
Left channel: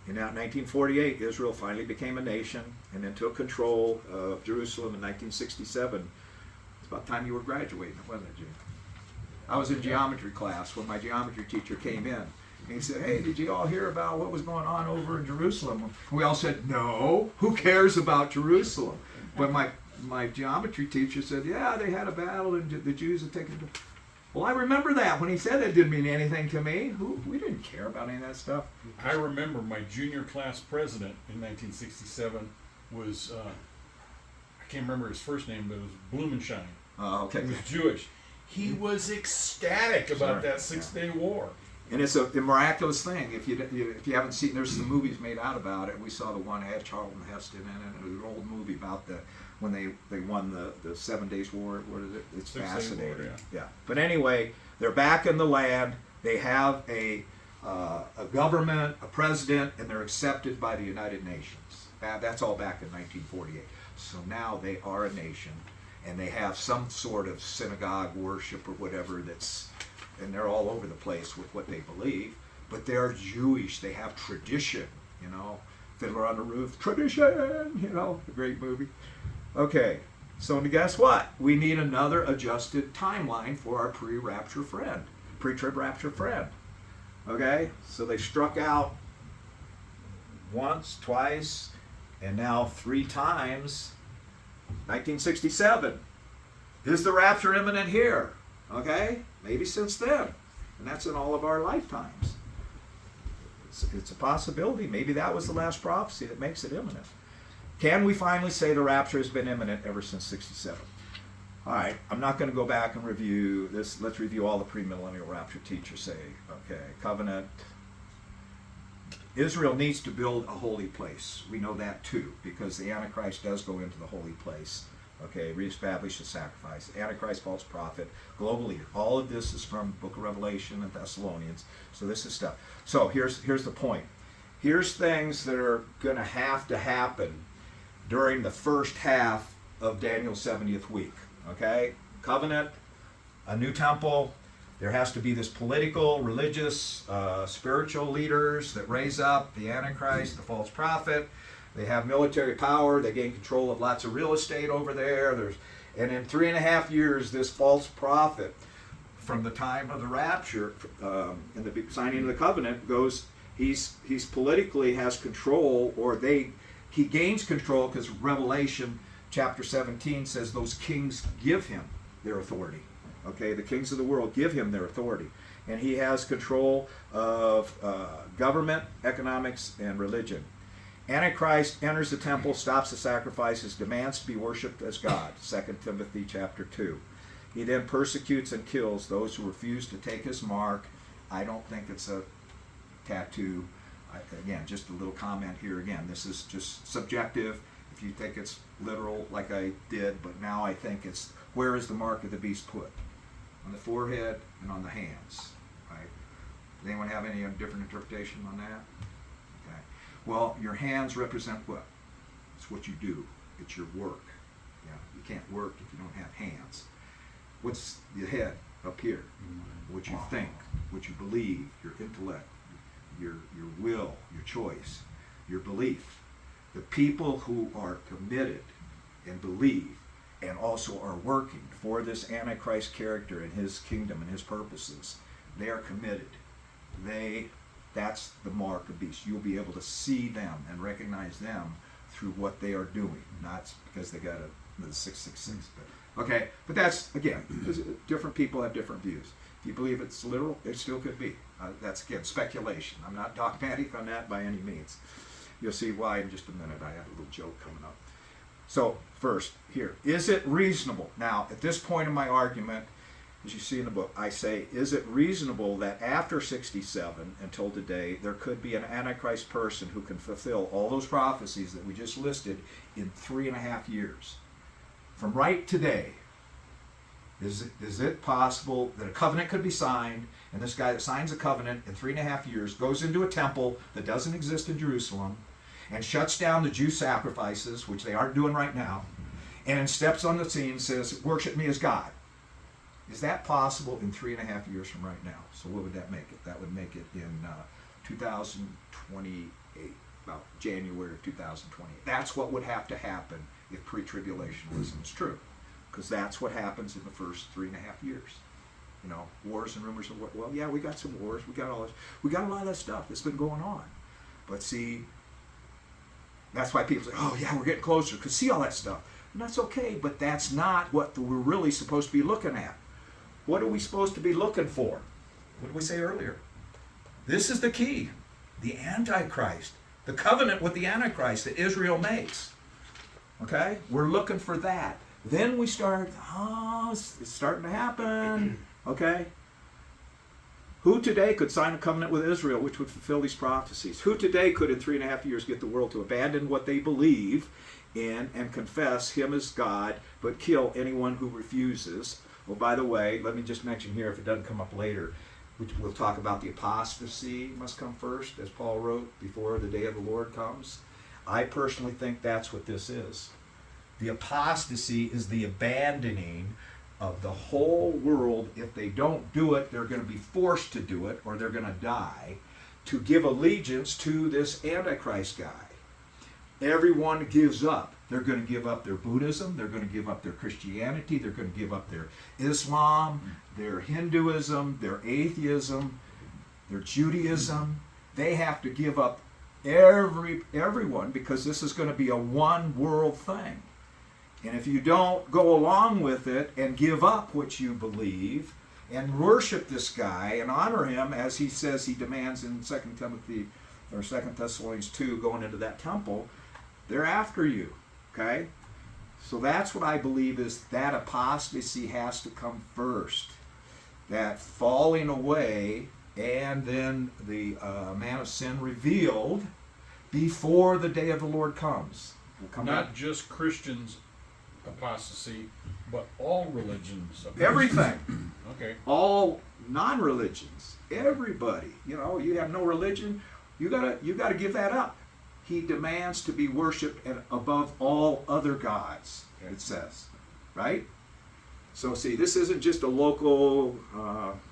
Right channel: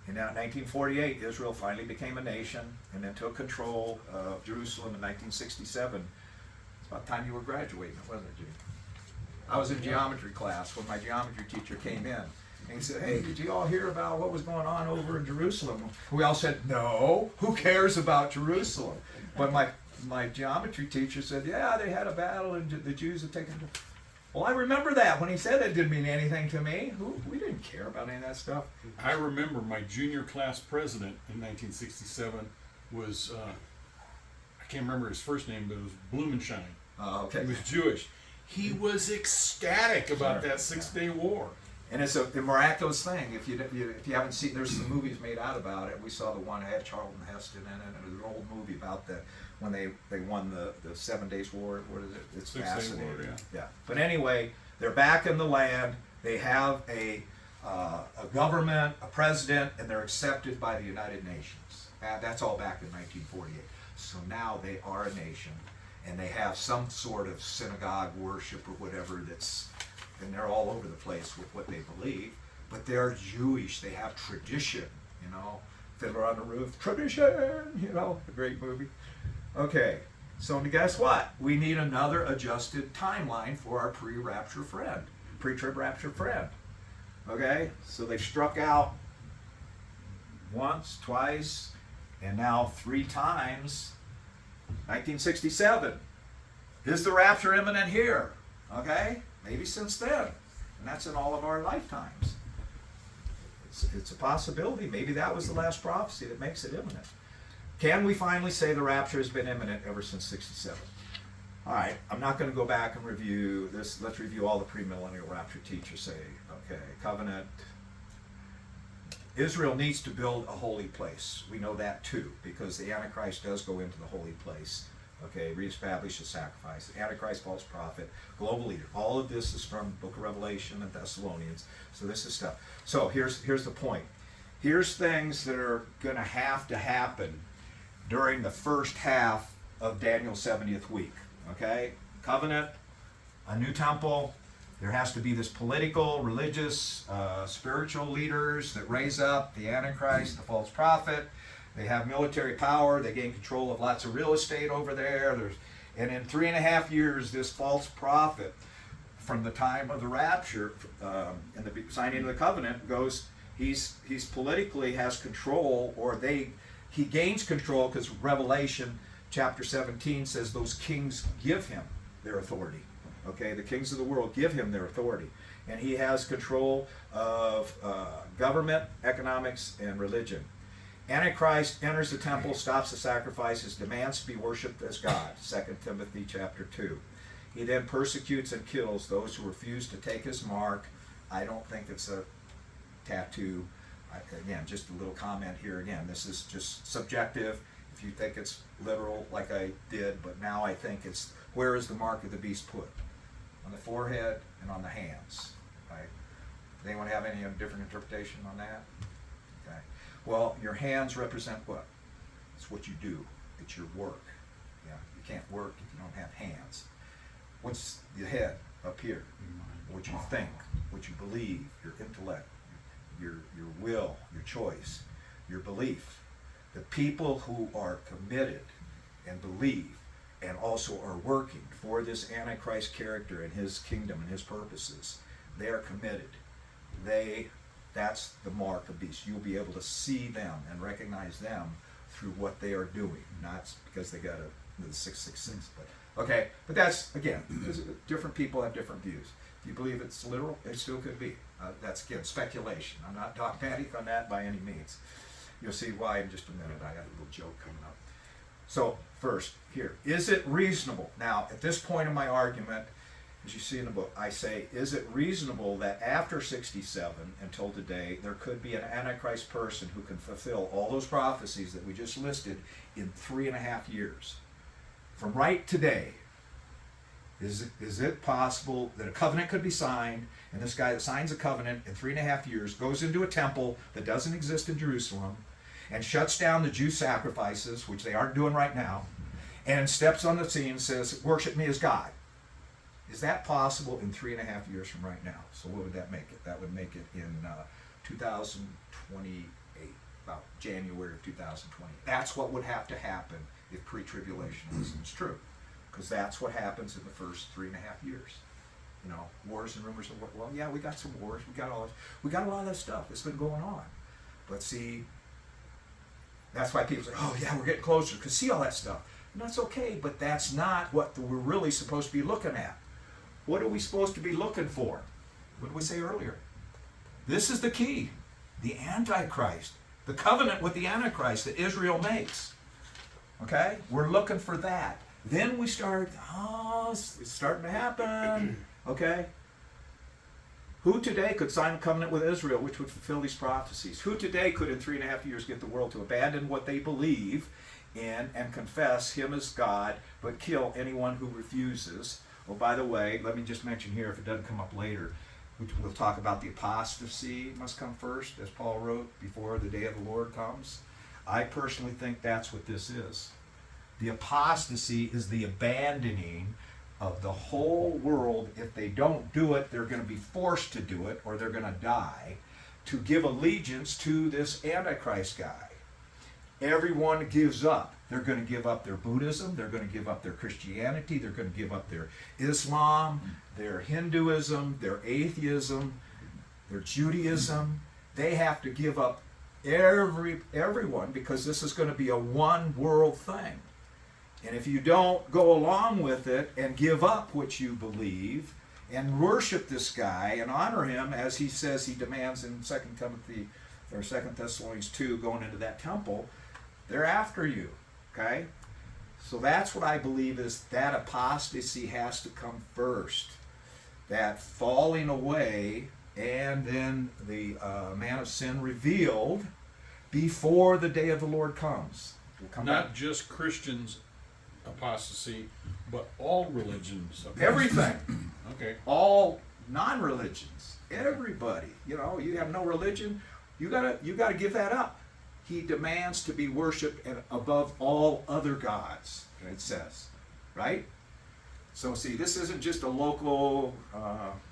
In 1948, Israel finally became a nation and then took control of Jerusalem in 1967. It's about time you were graduating, wasn't it, Jimmy? I was in geometry class when my geometry teacher came in. And he said, hey, did you all hear about what was going on over in Jerusalem? We all said, no, who cares about Jerusalem? But my geometry teacher said, yeah, they had a battle and the Jews had taken. Well, I remember that. When he said it didn't mean anything to me. We didn't care about any of that stuff. I remember my junior class president in 1967 was, I can't remember his first name, but it was Blumenschein. Oh, okay. He was Jewish. He was ecstatic about that 6-day war. And it's a miraculous thing. If you haven't seen, there's some movies made out about it. We saw the one that had Charlton Heston in it. It was an old movie about when they won the 7 Days War. What is it? It's 6 Day fascinating. War, Yeah. But anyway, they're back in the land. They have a government, a president, and they're accepted by the United Nations. That's all back in 1948. So now they are a nation, and they have some sort of synagogue worship or whatever and they're all over the place with what they believe, but they're Jewish. They have tradition, Fiddler on the Roof, tradition, a great movie. Okay, so guess what? We need another adjusted timeline for our pre-trib rapture friend. Okay, so they struck out once, twice, and now 3 times. 1967. Is the rapture imminent here? Okay, maybe since then. And that's in all of our lifetimes. It's a possibility. Maybe that was the last prophecy that makes it imminent. Can we finally say the rapture has been imminent ever since 67? All right, I'm not going to go back and review this. Let's review all the premillennial rapture teachers say. Okay, covenant. Israel needs to build a holy place. We know that too, because the Antichrist does go into the holy place. Okay, reestablish the sacrifice. Antichrist, false prophet, global leader. All of this is from the book of Revelation and Thessalonians. So this is stuff. So here's the point. Here's things that are going to happen during the first half of Daniel's 70th week. Okay, covenant, a new temple. There has to be this political, religious, spiritual leaders that raise up the Antichrist, the false prophet. They have military power. They gain control of lots of real estate over there. And in 3.5 years, this false prophet, from the time of the rapture and the signing of the covenant, goes. He's politically has control, or he gains control, because Revelation chapter 17 says those kings give him their authority. Okay, the kings of the world give him their authority, and he has control of government, economics, and religion. Antichrist enters the temple, stops the sacrifices, demands to be worshipped as God, 2 Timothy chapter 2. He then persecutes and kills those who refuse to take his mark. I don't think it's a tattoo. Again, just a little comment here. Again, this is just subjective. If you think it's literal, like I did, but now I think it's, where is the mark of the beast put? On the forehead and on the hands. Right? Does anyone have any different interpretation on that? Okay. Well, your hands represent what? It's what you do. It's your work. Yeah, you can't work if you don't have hands. What's the head up here? What you think, what you believe, your intellect, your will, your choice, your belief. The people who are committed and believe and also are working for this Antichrist character and his kingdom and his purposes, they are committed. That's the mark of beast. You'll be able to see them and recognize them through what they are doing, not because they got the 666. But that's, again, different people have different views. If you believe it's literal, it still could be. That's, again, speculation. I'm not dogmatic on that by any means. You'll see why in just a minute. I have a little joke coming up. So first, here, is it reasonable? Now, at this point in my argument, as you see in the book, I say, is it reasonable that after 67 until today, there could be an Antichrist person who can fulfill all those prophecies that we just listed in 3.5 years? From right today, is it possible that a covenant could be signed And this guy that signs a covenant in 3.5 years goes into a temple that doesn't exist in Jerusalem and shuts down the Jew sacrifices, which they aren't doing right now, and steps on the scene and says, worship me as God. Is that possible in 3.5 years from right now? So what would that make it? That would make it in 2028, about January of 2028. That's what would have to happen if pre-tribulationism is true, because that's what happens in the first 3.5 years. You know, wars and rumors of war. Well, yeah, we got some wars. We got all this. We got a lot of that stuff that's been going on. But see, that's why people say, oh yeah, we're getting closer, because see all that stuff. And that's okay, but that's not what we're really supposed to be looking at. What are we supposed to be looking for? What did we say earlier? This is the key. The Antichrist. The covenant with the Antichrist that Israel makes. Okay? We're looking for that. Then we start, it's starting to happen. Okay? Who today could sign a covenant with Israel which would fulfill these prophecies? Who today could in 3.5 years get the world to abandon what they believe in and confess him as God, but kill anyone who refuses? Well, by the way, let me just mention here, if it doesn't come up later, we'll talk about the apostasy must come first, as Paul wrote, before the day of the Lord comes. I personally think that's what this is. The apostasy is the abandoning of the whole world. If they don't do it, they're going to be forced to do it, or they're going to die, to give allegiance to this Antichrist guy. Everyone gives up. They're going to give up their Buddhism, they're going to give up their Christianity, they're going to give up their Islam, their Hinduism, their atheism, their Judaism. They have to give up everyone, because this is going to be a one world thing. And if you don't go along with it and give up what you believe and worship this guy and honor him as he says he demands in 2 Timothy or 2 Thessalonians 2, going into that temple, they're after you. Okay? So that's what I believe is that apostasy has to come first. That falling away and then the man of sin revealed before the day of the Lord comes. We'll come Not back. just Christians apostasy, but all religions apostasy. Everything. Okay. All non-religions. Everybody. You know, you have no religion, you gotta give that up. He demands to be worshipped and above all other gods, it says. Right? So see, this isn't just a local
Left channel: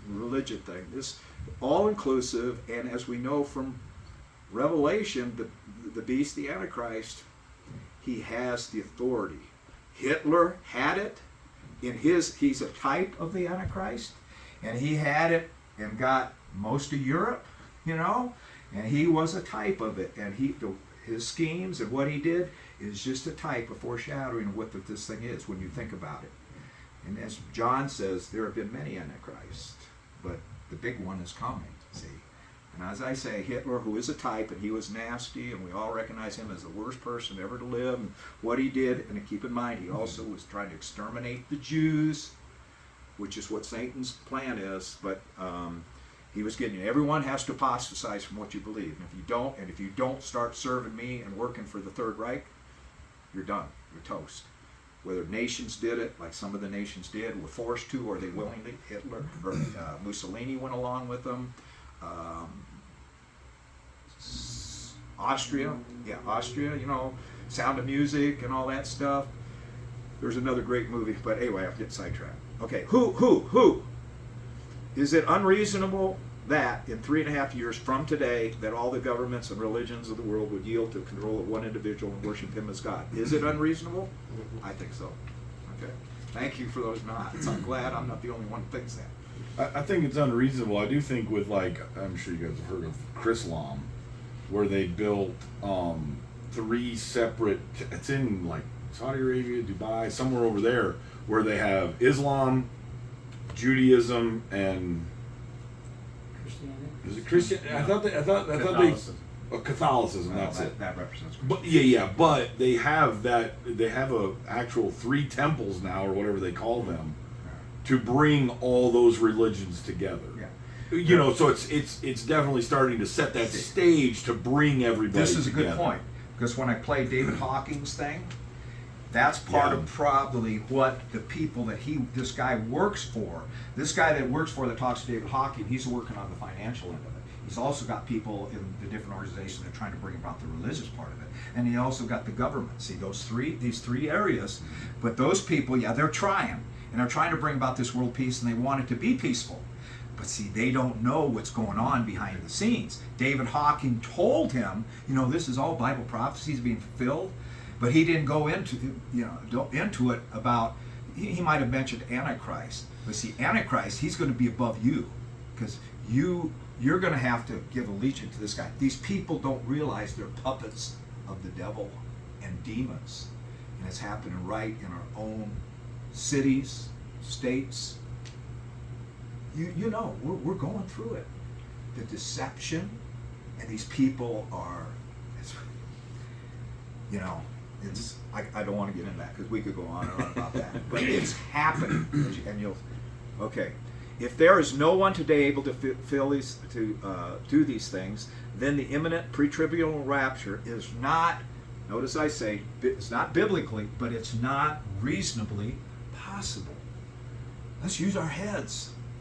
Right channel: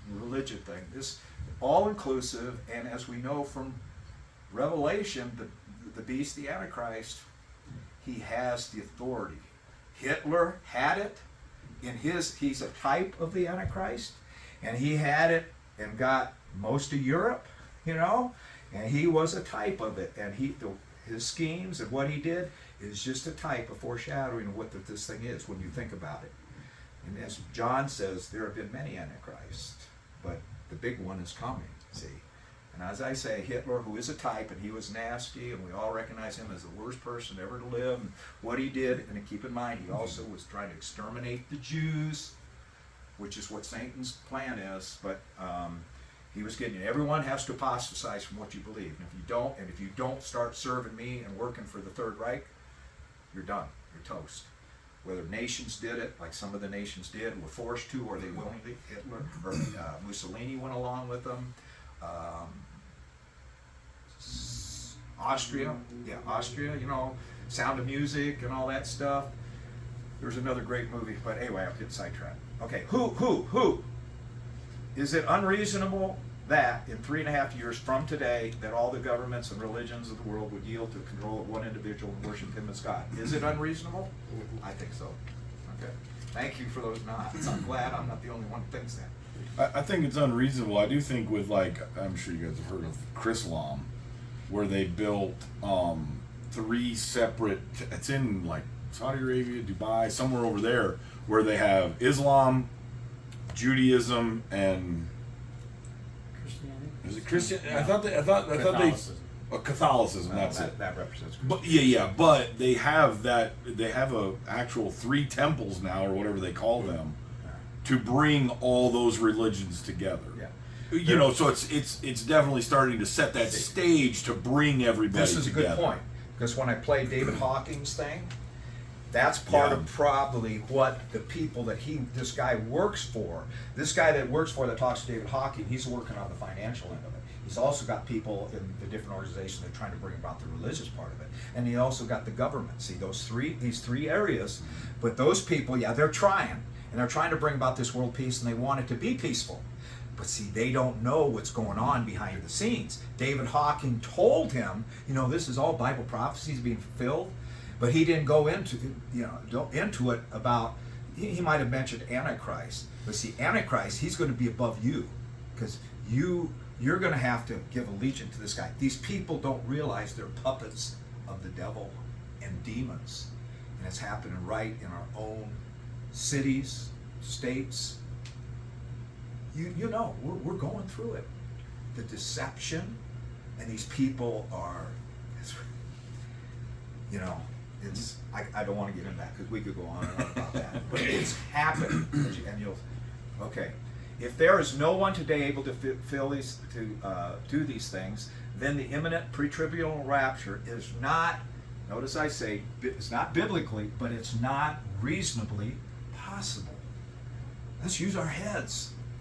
religion thing. This all-inclusive, and as we know from Revelation, the beast, the Antichrist, he has the authority. Hitler had it in he's a type of the Antichrist, and he had it and got most of Europe, you know, and he was a type of it, and his schemes and what he did is just a type, a foreshadowing of what this thing is when you think about it. And as John says, there have been many Antichrists, but the big one is coming, see. And as I say, Hitler, who is a type, and he was nasty, and we all recognize him as the worst person ever to live, and what he did, and keep in mind, he also was trying to exterminate the Jews, which is what Satan's plan is, but he was getting, everyone has to apostatize from what you believe. And if you don't start serving me and working for the Third Reich, you're done, you're toast. Whether nations did it, like some of the nations did, were forced to, or they willingly, Hitler, or Mussolini went along with them. Austria, you know, Sound of Music and all that stuff. There's another great movie, but anyway, I'm getting sidetracked. Okay, who? Is it unreasonable that in 3.5 years from today that all the governments and religions of the world would yield to control of one individual and worship him as God? Is it unreasonable? I think so. Okay. Thank you for those nods. I'm glad I'm not the only one who thinks that. I think it's unreasonable. I do think with, like, I'm sure you guys have heard of Chrislam, where they built 3 separate, it's in like Saudi Arabia, Dubai, somewhere over there, where they have Islam, Judaism, and Christianity. is it Christian? I thought Catholicism. Catholicism. That's it. That represents But but they have a actual 3 temples now, or whatever they call them, to bring all those religions together. Yeah. You know, so it's definitely starting to set that stage to bring everybody This is a together. good point, because when I played David Hawking's thing, That's part Yeah. of probably what the people that this guy works for, this guy that works for that talks to David Hawking, he's working on the financial end of it. He's also got people in the different organizations that are trying to bring about the religious part of it. And he also got the government. See, these three areas, but those people, yeah, they're trying. And they're trying to bring about this world peace, and they want it to be peaceful. But see, they don't know what's going on behind the scenes. David Hawking told him, this is all Bible prophecies being fulfilled, but he didn't go into it about. He might have mentioned Antichrist, but see, Antichrist, he's going to be above you, because you're going to have to give allegiance to this guy. These people don't realize they're puppets of the devil and demons, and it's happening right in our own cities, states. We're going through it. The deception, and these people are, I don't want to get into that because we could go on and on about that. But it's happening, and okay. If there is no one today able to do these things, then the imminent pre-tribulal rapture is not. Notice I say it's not biblically, but it's not reasonably possible. Let's use our heads.